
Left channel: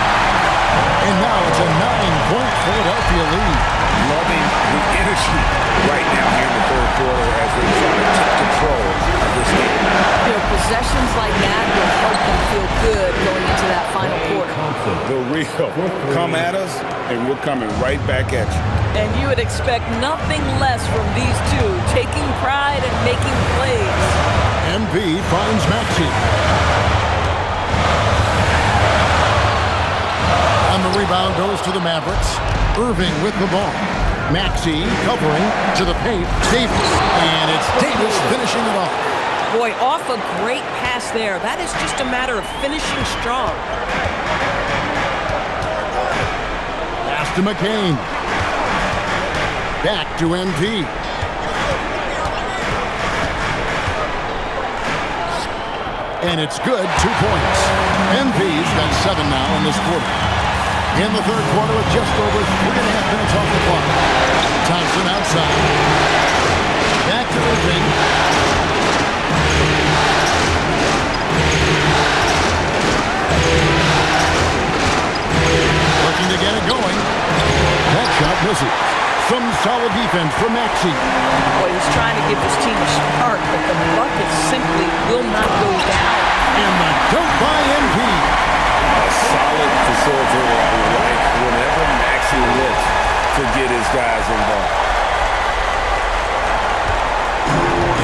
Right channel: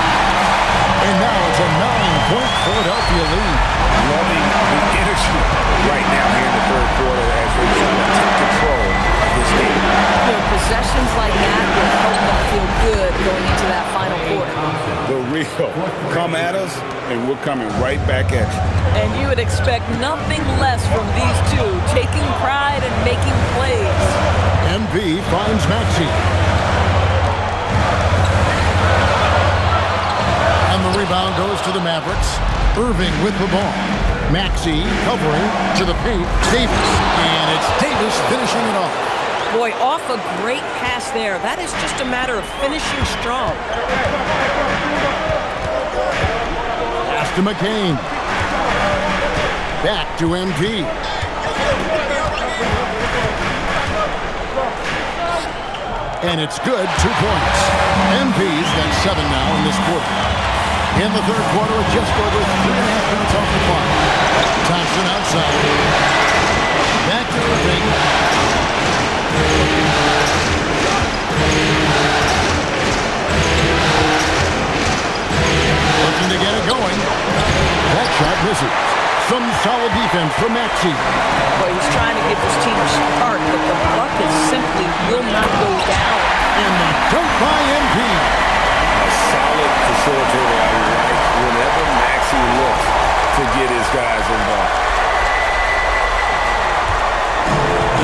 And now it's a 9-point Philadelphia lead. Loving the energy right now here in the third quarter as they try to take control of this game. You know, possessions like that will help them feel good going into that final quarter. The real come at us, and we're coming right back at you. And you would expect nothing less from these two, taking pride and making plays. MP finds Maxey. And the rebound goes to the Mavericks. Irving with the ball. Maxey covering to the paint. Davis. And it's Davis finishing it off. Boy, off a great pass there. That is just a matter of finishing strong. Pass to McCain. Back to MP. And it's good, 2 points. MP's got 7 now in this quarter. In the third quarter with just over 3.5 minutes off the clock. Thompson outside. Back to Irving. Looking to get it going. That shot misses. Some solid defense from Maxey. Boy, he's trying to give this team a spark, but the bucket simply will not go down. And the dunk by MP. A solid facilitator I like whenever Maxey looks to get his guys involved.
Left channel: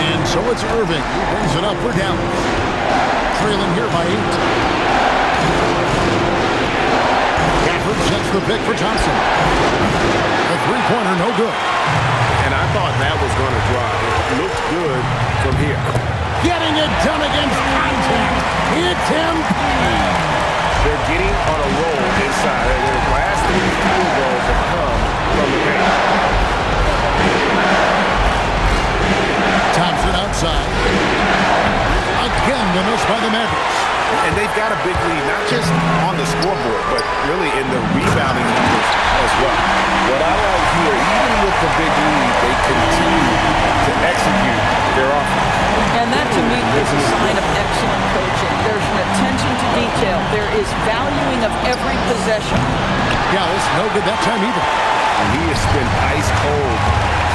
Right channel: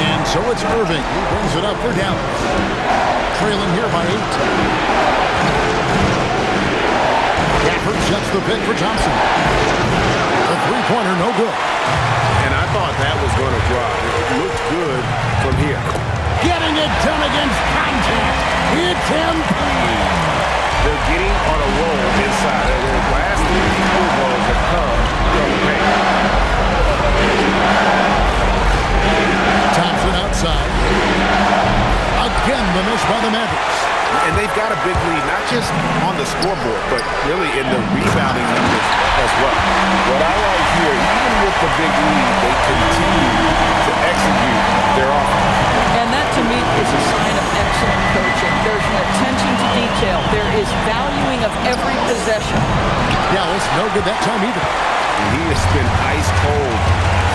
And so it's Irving. He brings it up for Dallas. Trailing here by 8. Gafford sets the pick for Thompson. A three-pointer, no good. And I thought that was going to drop. It looked good from here. Getting it done against contact. It's MP. They're getting on a roll inside. Their last 3 field goals have come from the paint. Thompson outside. Again, the miss by the Mavericks. And they've got a big lead, not just on the scoreboard, but really in the rebounding numbers as well. What I like here, even with the big lead, they continue to execute their offense. And that, to me, is a sign of excellent coaching. There's an attention to detail. There is valuing of every possession. Dallas, no good that time either. And he has been ice cold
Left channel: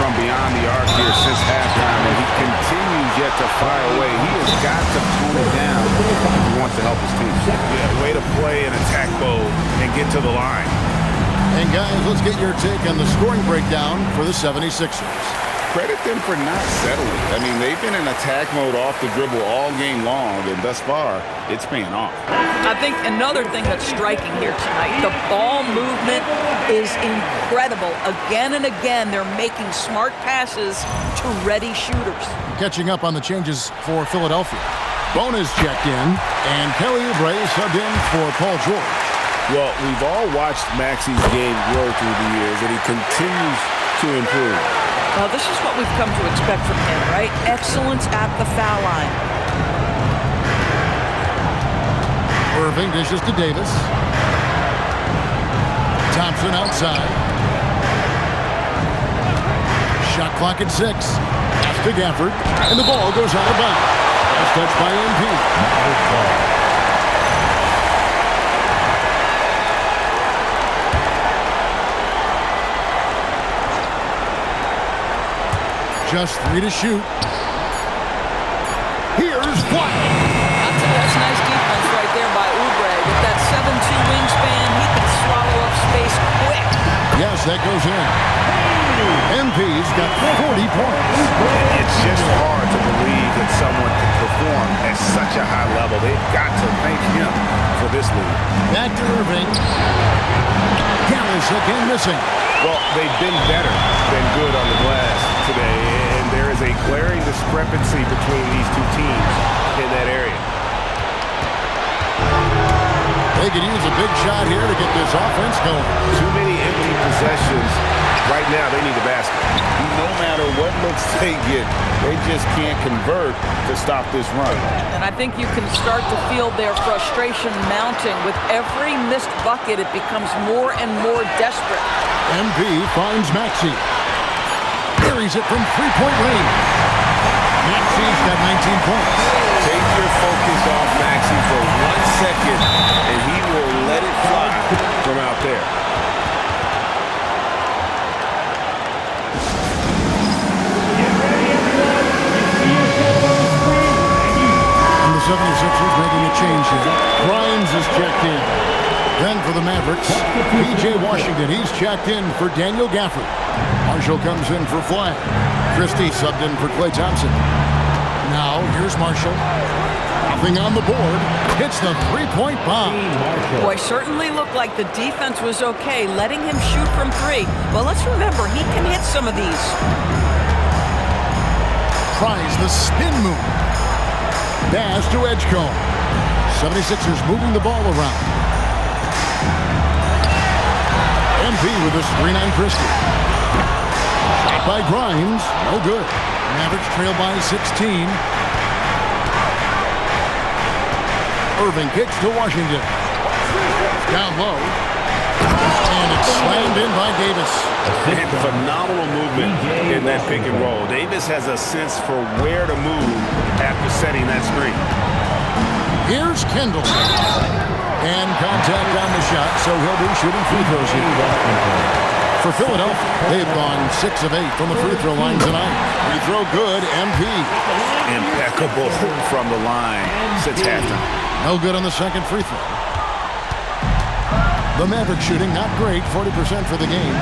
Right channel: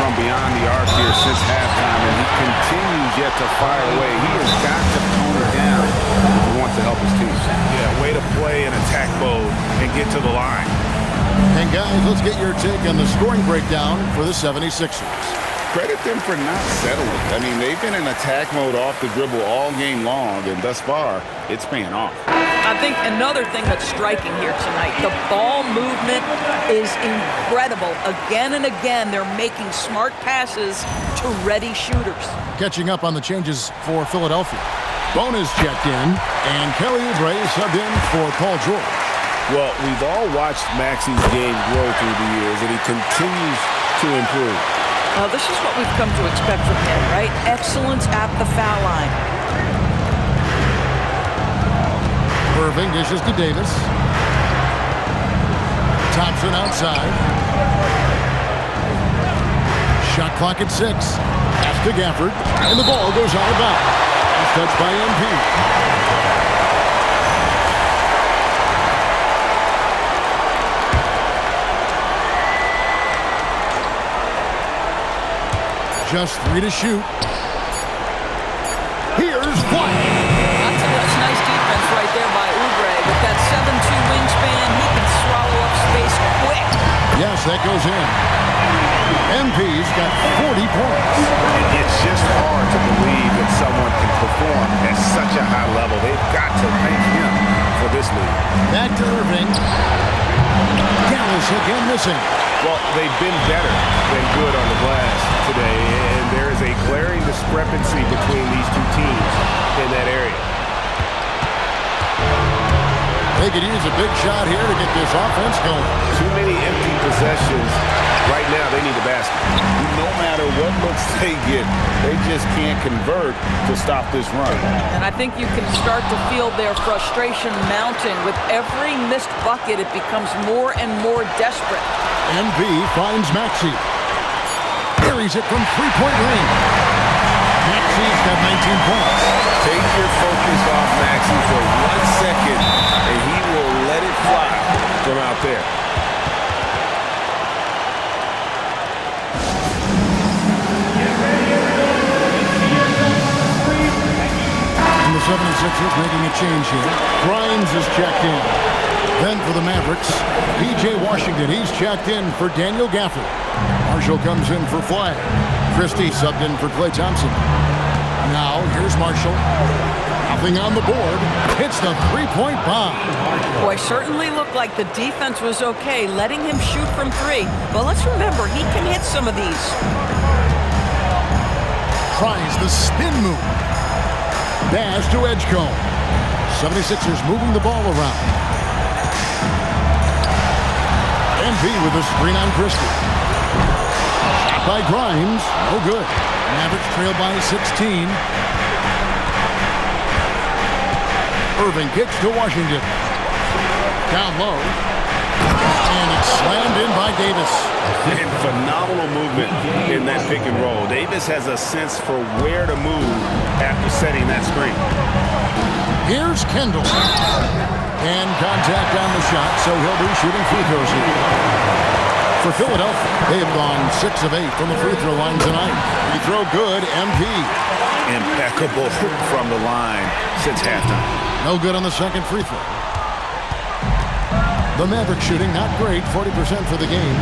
from beyond the arc here since halftime, and he continues yet to fire away. He has got to tone it down if he wants to help his team. Yeah, way to play in attack mode and get to the line. And guys, let's get your take on the scoring breakdown for the 76ers. Credit them for not settling. I mean, they've been in attack mode off the dribble all game long, and thus far, it's paying off. I think another thing that's striking here tonight, the ball movement is incredible. Again and again, they're making smart passes to ready shooters. Catching up on the changes for Philadelphia. Bonus checked in, and Kelly Oubre subbed in for Paul George. Well, we've all watched Maxey's game grow through the years, and he continues to improve. This is what we've come to expect from him, right? Excellence at the foul line. Irving dishes to Davis. Thompson outside. Shot clock at 6. Pass to Gafford, and the ball goes out of bounds. Pass touched by MP. Just 3 to shoot. Here's Flag. That's nice defense right there by Oubre. With that 7'2" wingspan, he can swallow up space quick. Yes, that goes in. MP's got 40 points. It's just hard to believe that someone can perform at such a high level. They've got to thank him for this lead. Back to Irving. Dallas again missing. Well, they've been better than good on the glass today, and there is a glaring discrepancy between these two teams in that area. They could use a big shot here to get this offense going. Too many empty possessions. Right now, they need a basket. No matter what looks they get, they just can't convert to stop this run. And I think you can start to feel their frustration mounting. With every missed bucket, it becomes more and more desperate. MP finds Maxey. Buries it from three-point range. Maxey's got 19 points. Take your focus off Maxey for 1 second, and he will let it fly from out there. And the 76ers making a change here. Grimes is checked in. Then for the Mavericks, P.J. Washington, he's checked in for Daniel Gafford. Marshall comes in for Flag. Christie subbed in for Klay Thompson. Now, here's Marshall. Nothing on the board. Hits the three-point bomb. Boy, certainly looked like the defense was okay, letting him shoot from 3. But let's remember, he can hit some of these. Tries the spin move. Pass to Edgecombe. 76ers moving the ball around. MP with a screen on Christie. Shot by Grimes. No good. Mavericks trail by 16. Irving kicks to Washington. Down low. And it's slammed in by Davis. And phenomenal movement in that pick and roll. Davis has a sense for where to move after setting that screen. Here's Kendall. And contact on the shot, so he'll be shooting free throws here. For Philadelphia, they have gone 6 of 8 from the free throw line tonight. Free throw good, MP. Impeccable from the line since halftime. No good on the second free throw. The Mavericks shooting not great, 40% for the game.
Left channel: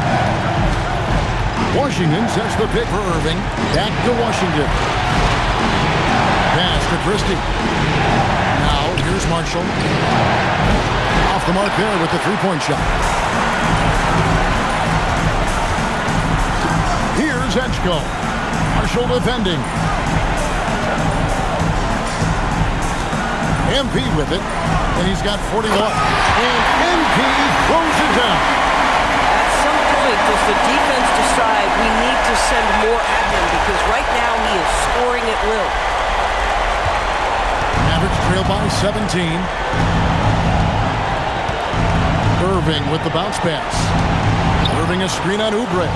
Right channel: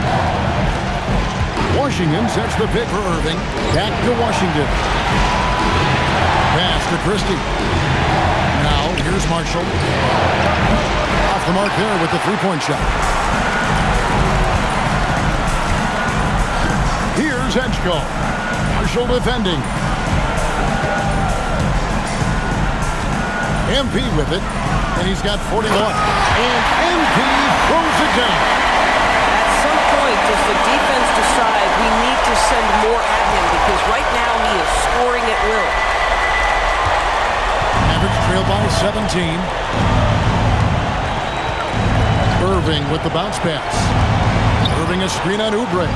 Washington sets the pick for Irving. Back to Washington. Pass to Christie. Now, here's Marshall. Off the mark there with the three-point shot. Here's Edgecombe. Marshall defending. MP with it, and he's got 41. And MP throws it down. At some point, does the defense decide we need to send more at him? Because right now he is scoring at will. Mavericks trail by 17. Irving with the bounce pass. Irving a screen on Oubre.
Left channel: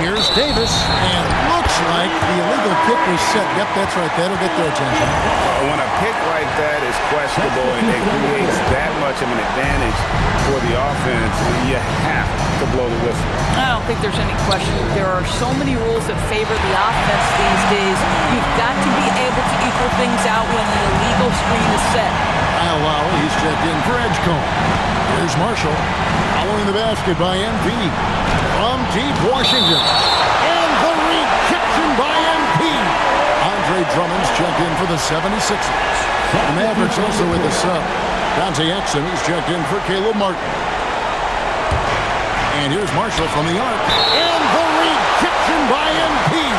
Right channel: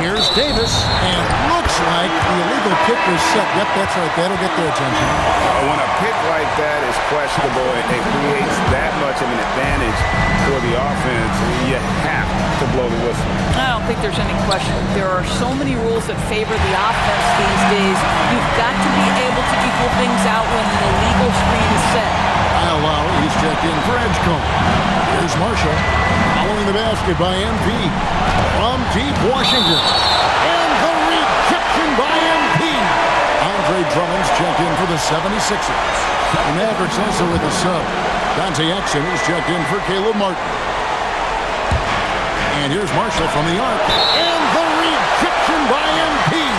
Here's Davis, and looks like the illegal pick was set. Yep, that's right. That'll get their attention. When a pick like that is questionable and it creates that much of an advantage for the offense, you have to blow the whistle. I don't think there's any question. There are so many rules that favor the offense these days. You've got to be able to equal things out when an illegal screen is set. Kyle Lowry, he's checked in for Edgecombe. Here's Marshall, following the basket by MP. From deep Washington. And the rejection by MP. Andre Drummond's checked in for the 76ers. The Mavericks also with a sub. Dante Exum is checked in for Caleb Martin. And here's Marshall from the arc. And the rejection by MP.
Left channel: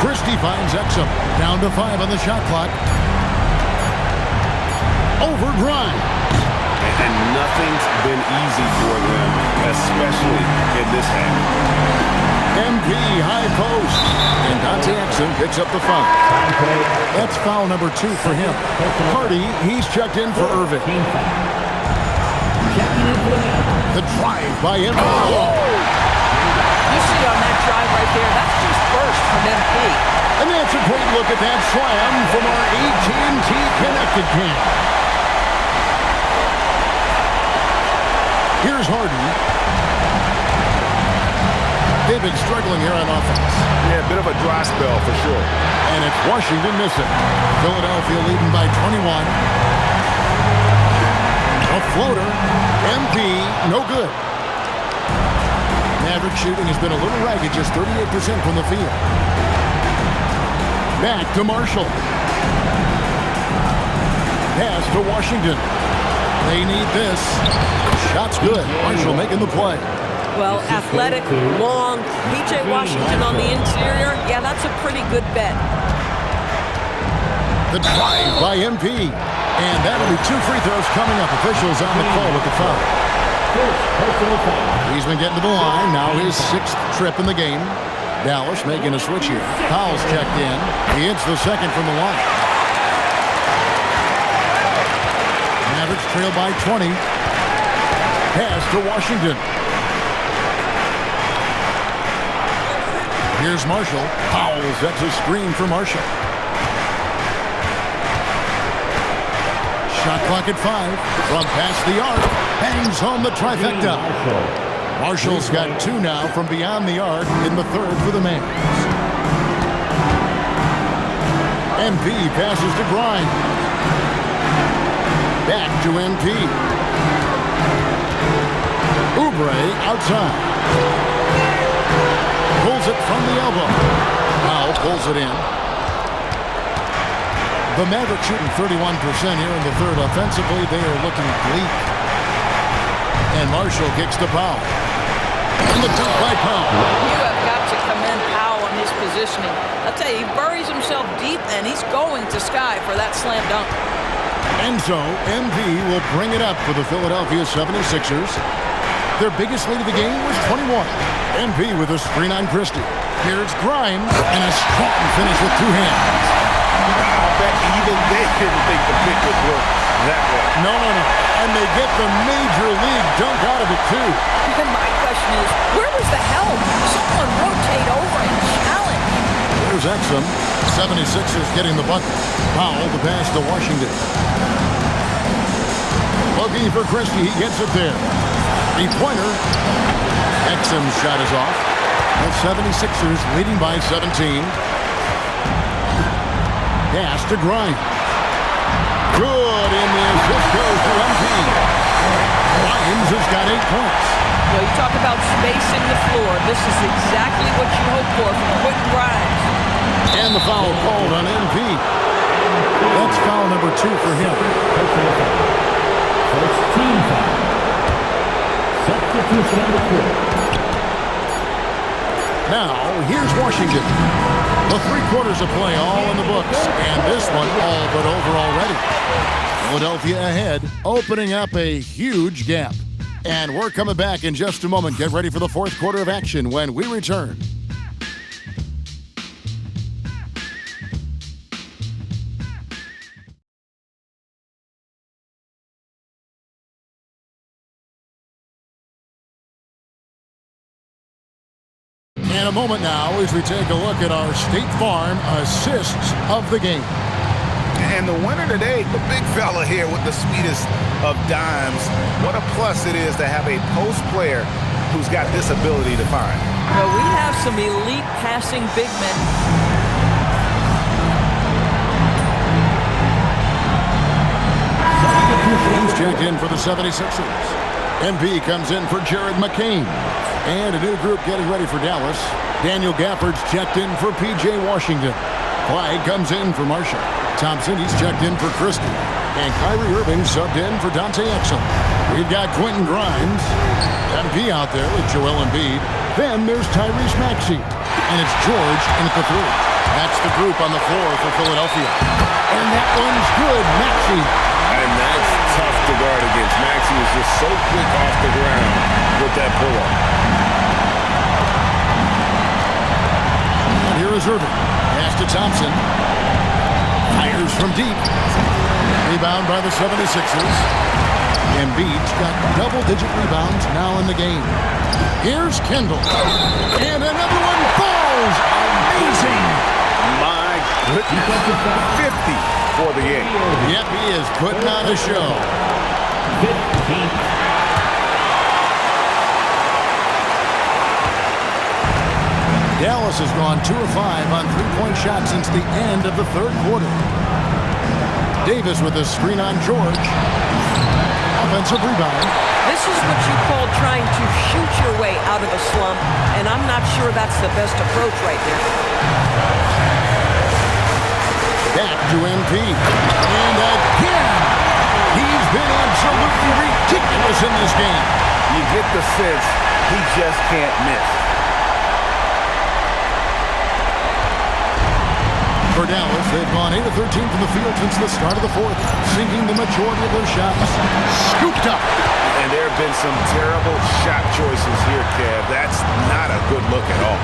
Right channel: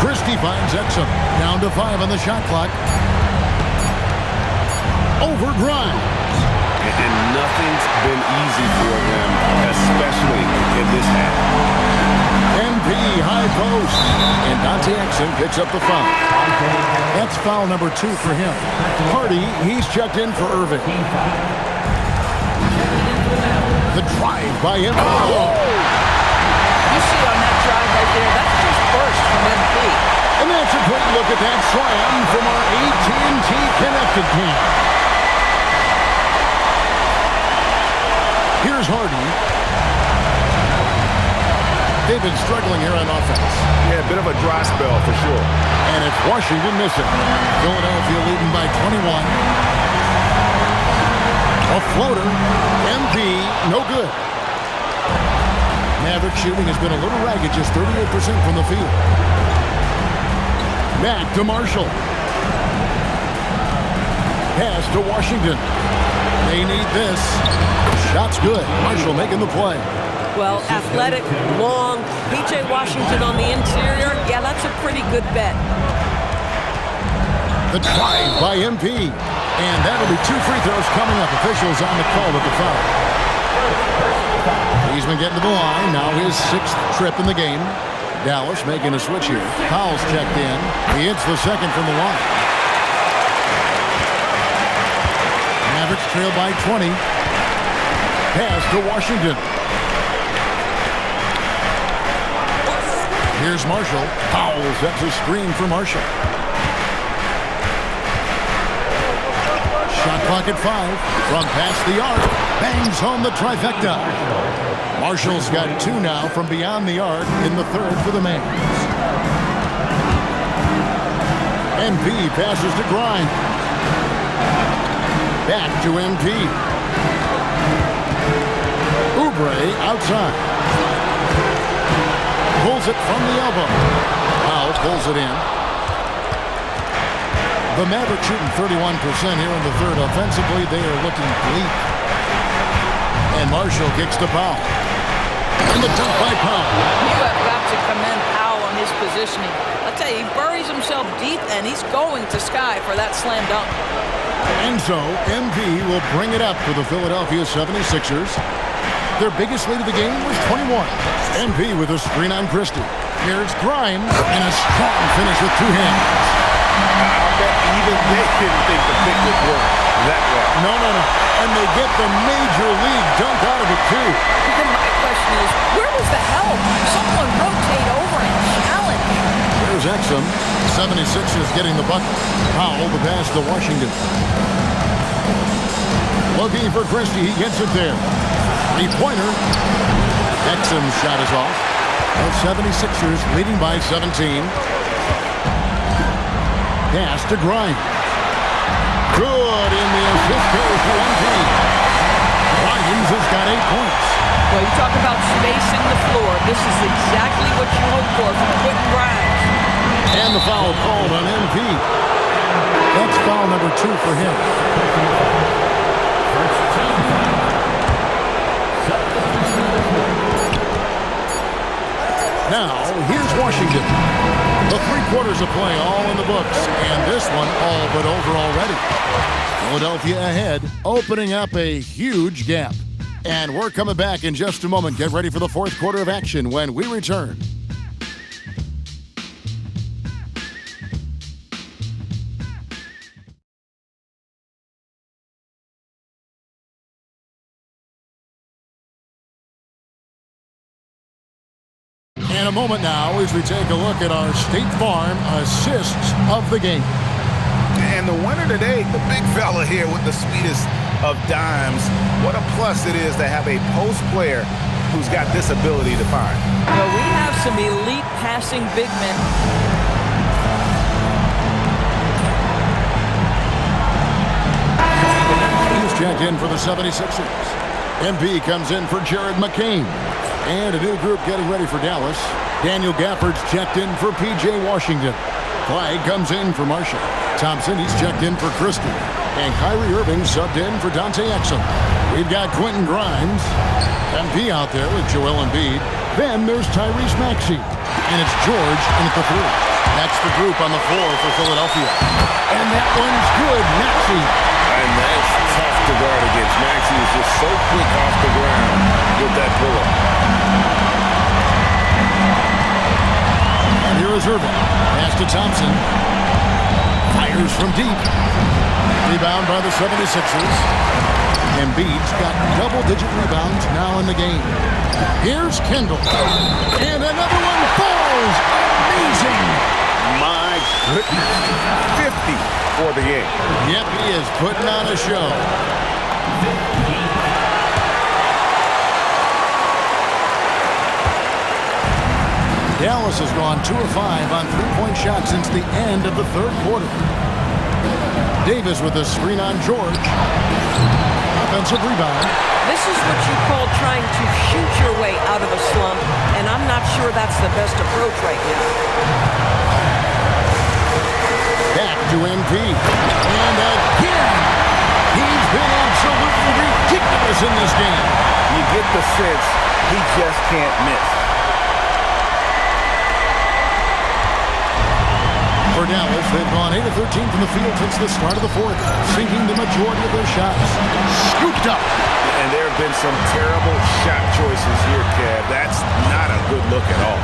Christie finds Exum. Down to 5 on the shot clock. Over Grimes. And nothing's been easy for them, especially in this half. MP high post. And Dante Exum picks up the foul. That's foul number 2 for him. Hardy, he's checked in for Irving. The drive by MP. Oh! You see on that drive right there, that's just burst from MP. And that's a great look at that slam from our AT&T Connected Cam. Here's Hardy. They've been struggling here on offense. Yeah, a bit of a dry spell for sure. And it's Washington missing. Philadelphia leading by 21. A floater. MP, no good. Maverick shooting has been a little ragged, just 38% from the field. Back to Marshall. Pass to Washington. They need this. Shot's good. Marshall making the play. Well, athletic, long, P.J. Washington on the interior. Yeah, that's a pretty good bet. The drive by MP. And that'll be 2 free throws coming up. Officials on the call with the foul. He's been getting to the line. Now his 6th trip in the game. Dallas making a switch here. Powell's checked in. He hits the second from the line. Mavericks trail by 20. Pass to Washington. Here's Marshall. Powell sets a screen for Marshall. Shot clock at 5. From past the arc. Bangs home the trifecta. Marshall's got 2 now from beyond the arc in the 3rd for the Mavs. MP passes to Grimes. Back to MP. Oubre outside. Pulls it from the elbow. Powell pulls it in. The Mavericks shooting 31% here in the 3rd. Offensively, they are looking bleak. And Marshall kicks to Powell. And the dunk by Powell. You have got to commend Powell on his positioning. I'll tell you, he buries himself deep, and he's going to sky for that slam dunk. And so, MP will bring it up for the Philadelphia 76ers. Their biggest lead of the game was 21. MP with a screen on Christie. Here's Grimes, and a strong finish with 2 hands. I'll bet even they didn't think the pick would work that well. No. And they get the major league dunk out of it, too. And my question is, where was the help? Someone rotate over and challenge. There's Exum. 76ers getting the bucket. Powell, the pass to Washington. Looking for Christie. He gets it there. 3-pointer. Exum's shot is off. The 76ers leading by 17. Pass to Grimes. Good, and the assist goes to MP. Grimes has got 8 points. Well, you talk about spacing the floor. This is exactly what you hope for from Quentin Grimes. And the foul called on MP. That's foul number 2 for him. First team foul. Substitution on the court. Now, here's Washington. The 3 quarters of play all in the books, and this one all but over already. Philadelphia ahead, opening up a huge gap. And we're coming back in just a moment. Get ready for the 4th quarter of action when we return. In a moment now as we take a look at our State Farm assists of the game. And the winner today, the big fella here with the sweetest of dimes. What a plus it is to have a post player who's got this ability to find. Well, we have some elite passing big men. He's checked in for the 76ers. MP comes in for Jared McCain. And a new group getting ready for Dallas. Daniel Gafford's checked in for P.J. Washington. Clyde comes in for Marshall. Thompson, he's checked in for Christie. And Kyrie Irving subbed in for Dante Exum. We've got Quentin Grimes. MP out there with Joel Embiid. Then there's Tyrese Maxey. And it's George in at the 3. That's the group on the floor for Philadelphia. And that one's good, Maxey. And that's tough to guard against. Maxey is just so quick off the ground with that pull-up. Here is Irving. Pass to Thompson. Fires from deep. Rebound by the 76ers. Embiid's got double-digit rebounds now in the game. Here's Kendall. And another one falls. Amazing. My goodness. 50 for the game. Yep, he is putting on a show. Dallas has gone 2 of 5 on three-point shots since the end of the third quarter. Davis with a screen on George. Offensive rebound. This is what you call trying to shoot your way out of a slump, and I'm not sure that's the best approach right now. Back to MP. And again, he's been absolutely ridiculous in this game. You get the sense he just can't miss. For Dallas, they've gone 8 of 13 from the field since the start of the fourth, sinking the majority of their shots. Scooped up. And there have been some terrible shot choices here, Kev. That's not a good look at all.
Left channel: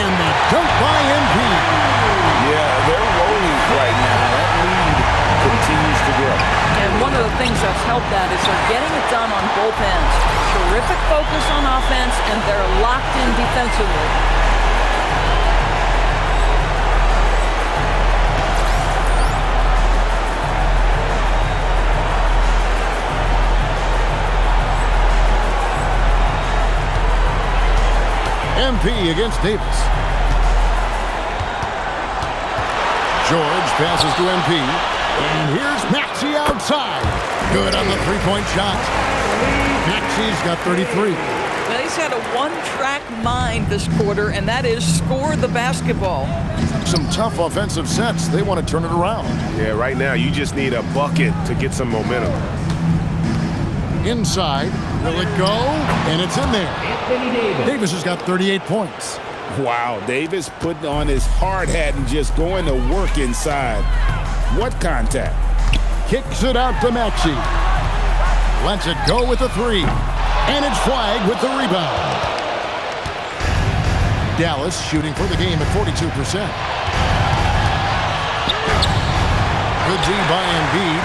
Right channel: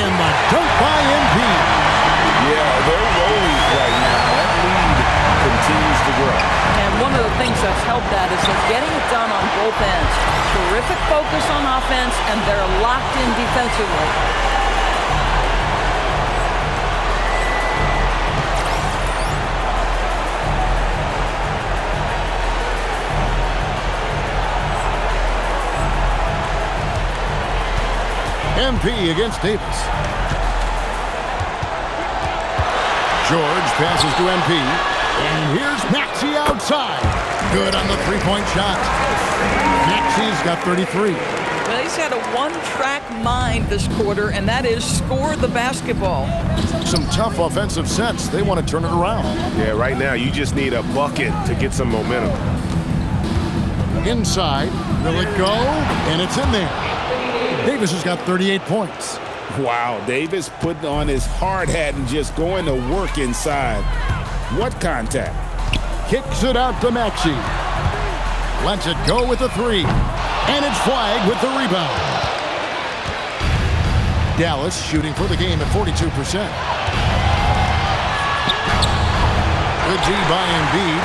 And the dunk by MP. Yeah, they're rolling right now. That lead continues to grow. And one of the things that's helped that is they're getting it done on both ends. Terrific focus on offense, and they're locked in defensively. MP against Davis. George passes to MP. And here's Maxey outside. Good on the three-point shot. Maxey's got 33. Well, he's had a one-track mind this quarter, and that is score the basketball. Some tough offensive sets. They want to turn it around. Yeah, right now you just need a bucket to get some momentum. Inside. Will it go? And it's in there. Davis has got 38 points. Wow, Davis putting on his hard hat and just going to work inside. What contact? Kicks it out to Maxey. Lets it go with the three. And it's flagged with the rebound. Dallas shooting for the game at 42%. Good D by Embiid.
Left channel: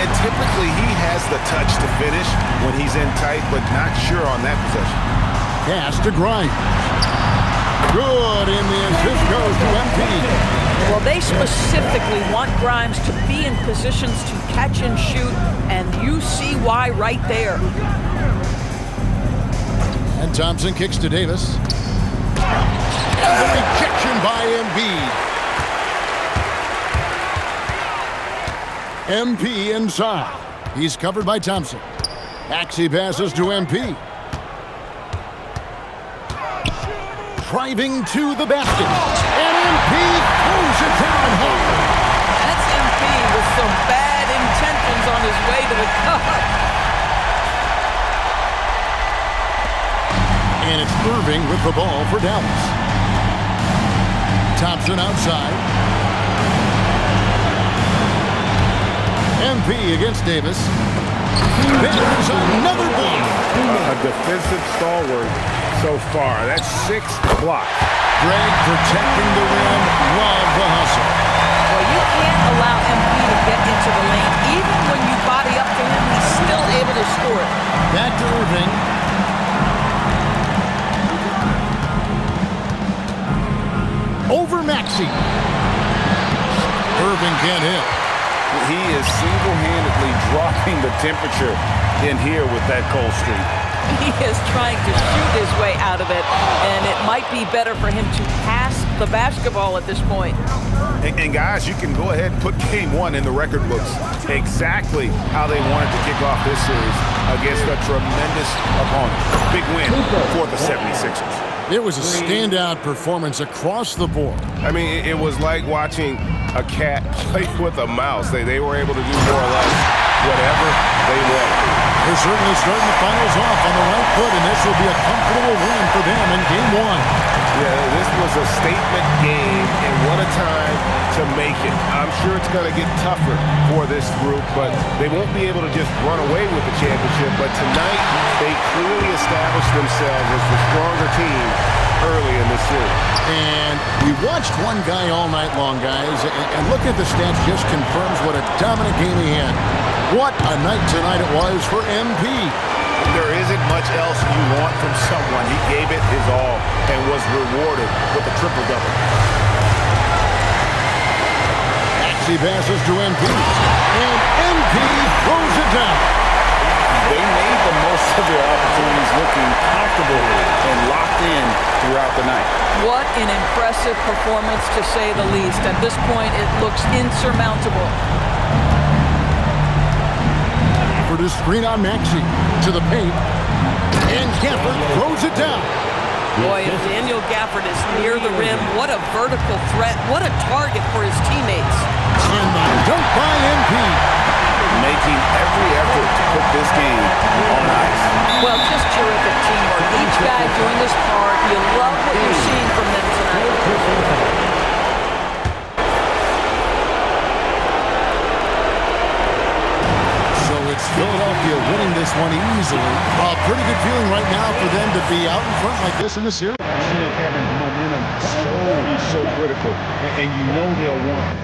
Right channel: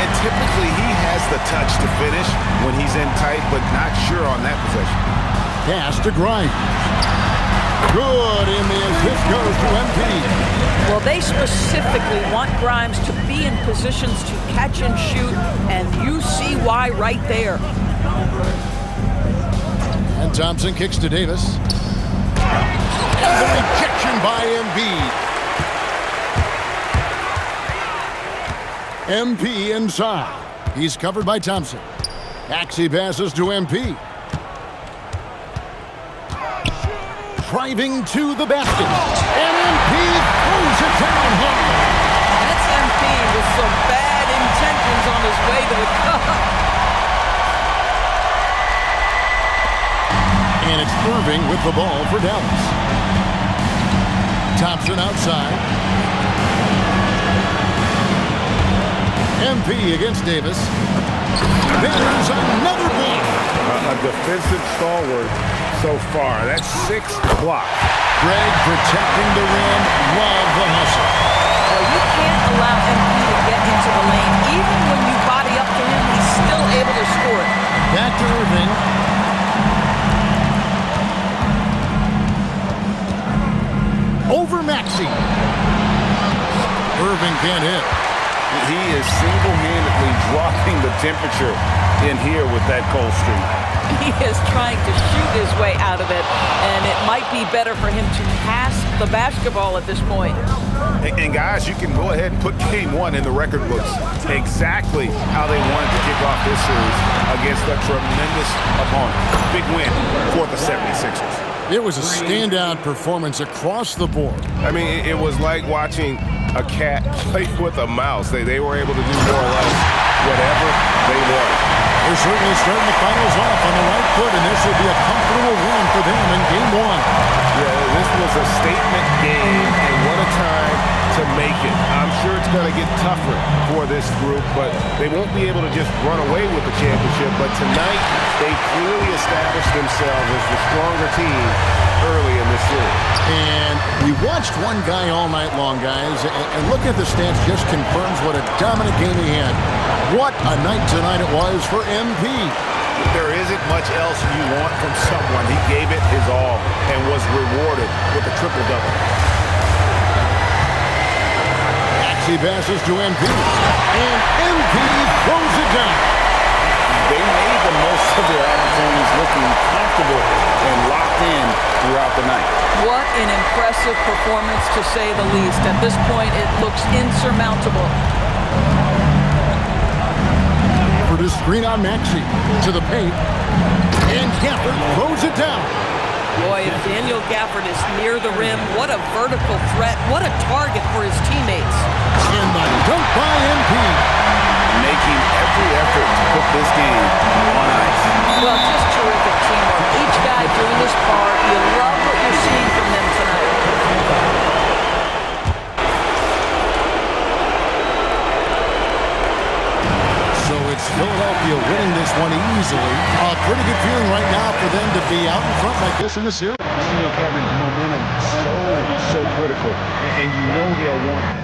And typically he has the touch to finish when he's in tight, but not sure on that possession. Pass to Grimes. Good, and the assist goes to MP. Well, they specifically want Grimes to be in positions to catch and shoot, and you see why right there. And Thompson kicks to Davis. And the rejection by Embiid. MP inside. He's covered by Thompson. Maxey passes to MP. Driving to the basket. And MP throws it down hard. That's MP with some bad intentions on his way to the cup. And it's Irving with the ball for Dallas. Thompson outside. MP against Davis. There's another block. A defensive stalwart so far. That's 6 blocks. Greg protecting the rim. Love the hustle. Well, you can't allow MP to get into the lane. Even when you body up to him, he's still able to score it. Back to Irving. Over Maxey. Irving can't hit. He is single-handedly dropping the temperature in here with that cold streak. He is trying to shoot his way out of it, and it might be better for him to pass the basketball at this point. And guys, you can go ahead and put game one in the record books. Exactly how they wanted to kick off this series against a tremendous opponent. Big win for the 76ers. It was a standout performance across the board. I mean, it was like watching a cat play with a mouse. They were able to do more or less whatever they wanted. They're certainly starting the finals off on the right foot, and this will be a comfortable win for them in game one. Yeah, this was a statement game, and what a time to make it. I'm sure it's going to get tougher for this group, but they won't be able to just run away with the championship. But tonight, they clearly established themselves as the stronger team early in this series. And we watched one guy all night long, guys, and looking at the stats just confirms what a dominant game he had. What a night tonight it was for MP. There isn't much else you want from someone. He gave it his all and was rewarded with a triple-double. He passes to MP, and MP throws it down. They made the most of their opportunities, looking comfortable and locked in throughout the night. What an impressive performance, to say the least. At this point, it looks insurmountable. For the screen on Maxey, to the paint, and Gafford throws it down. Boy, if Daniel Gafford is near the rim, what a vertical threat. What a target for his teammates. And the dunk by MP. Making every effort to put this game on ice. Well, just terrific teamwork. Each guy doing his part. You love what you're seeing from them tonight. So it's Philadelphia winning this one easily. A pretty good feeling right now for them to be out in front like this in the series. Kevin's momentum so critical, and you know they'll want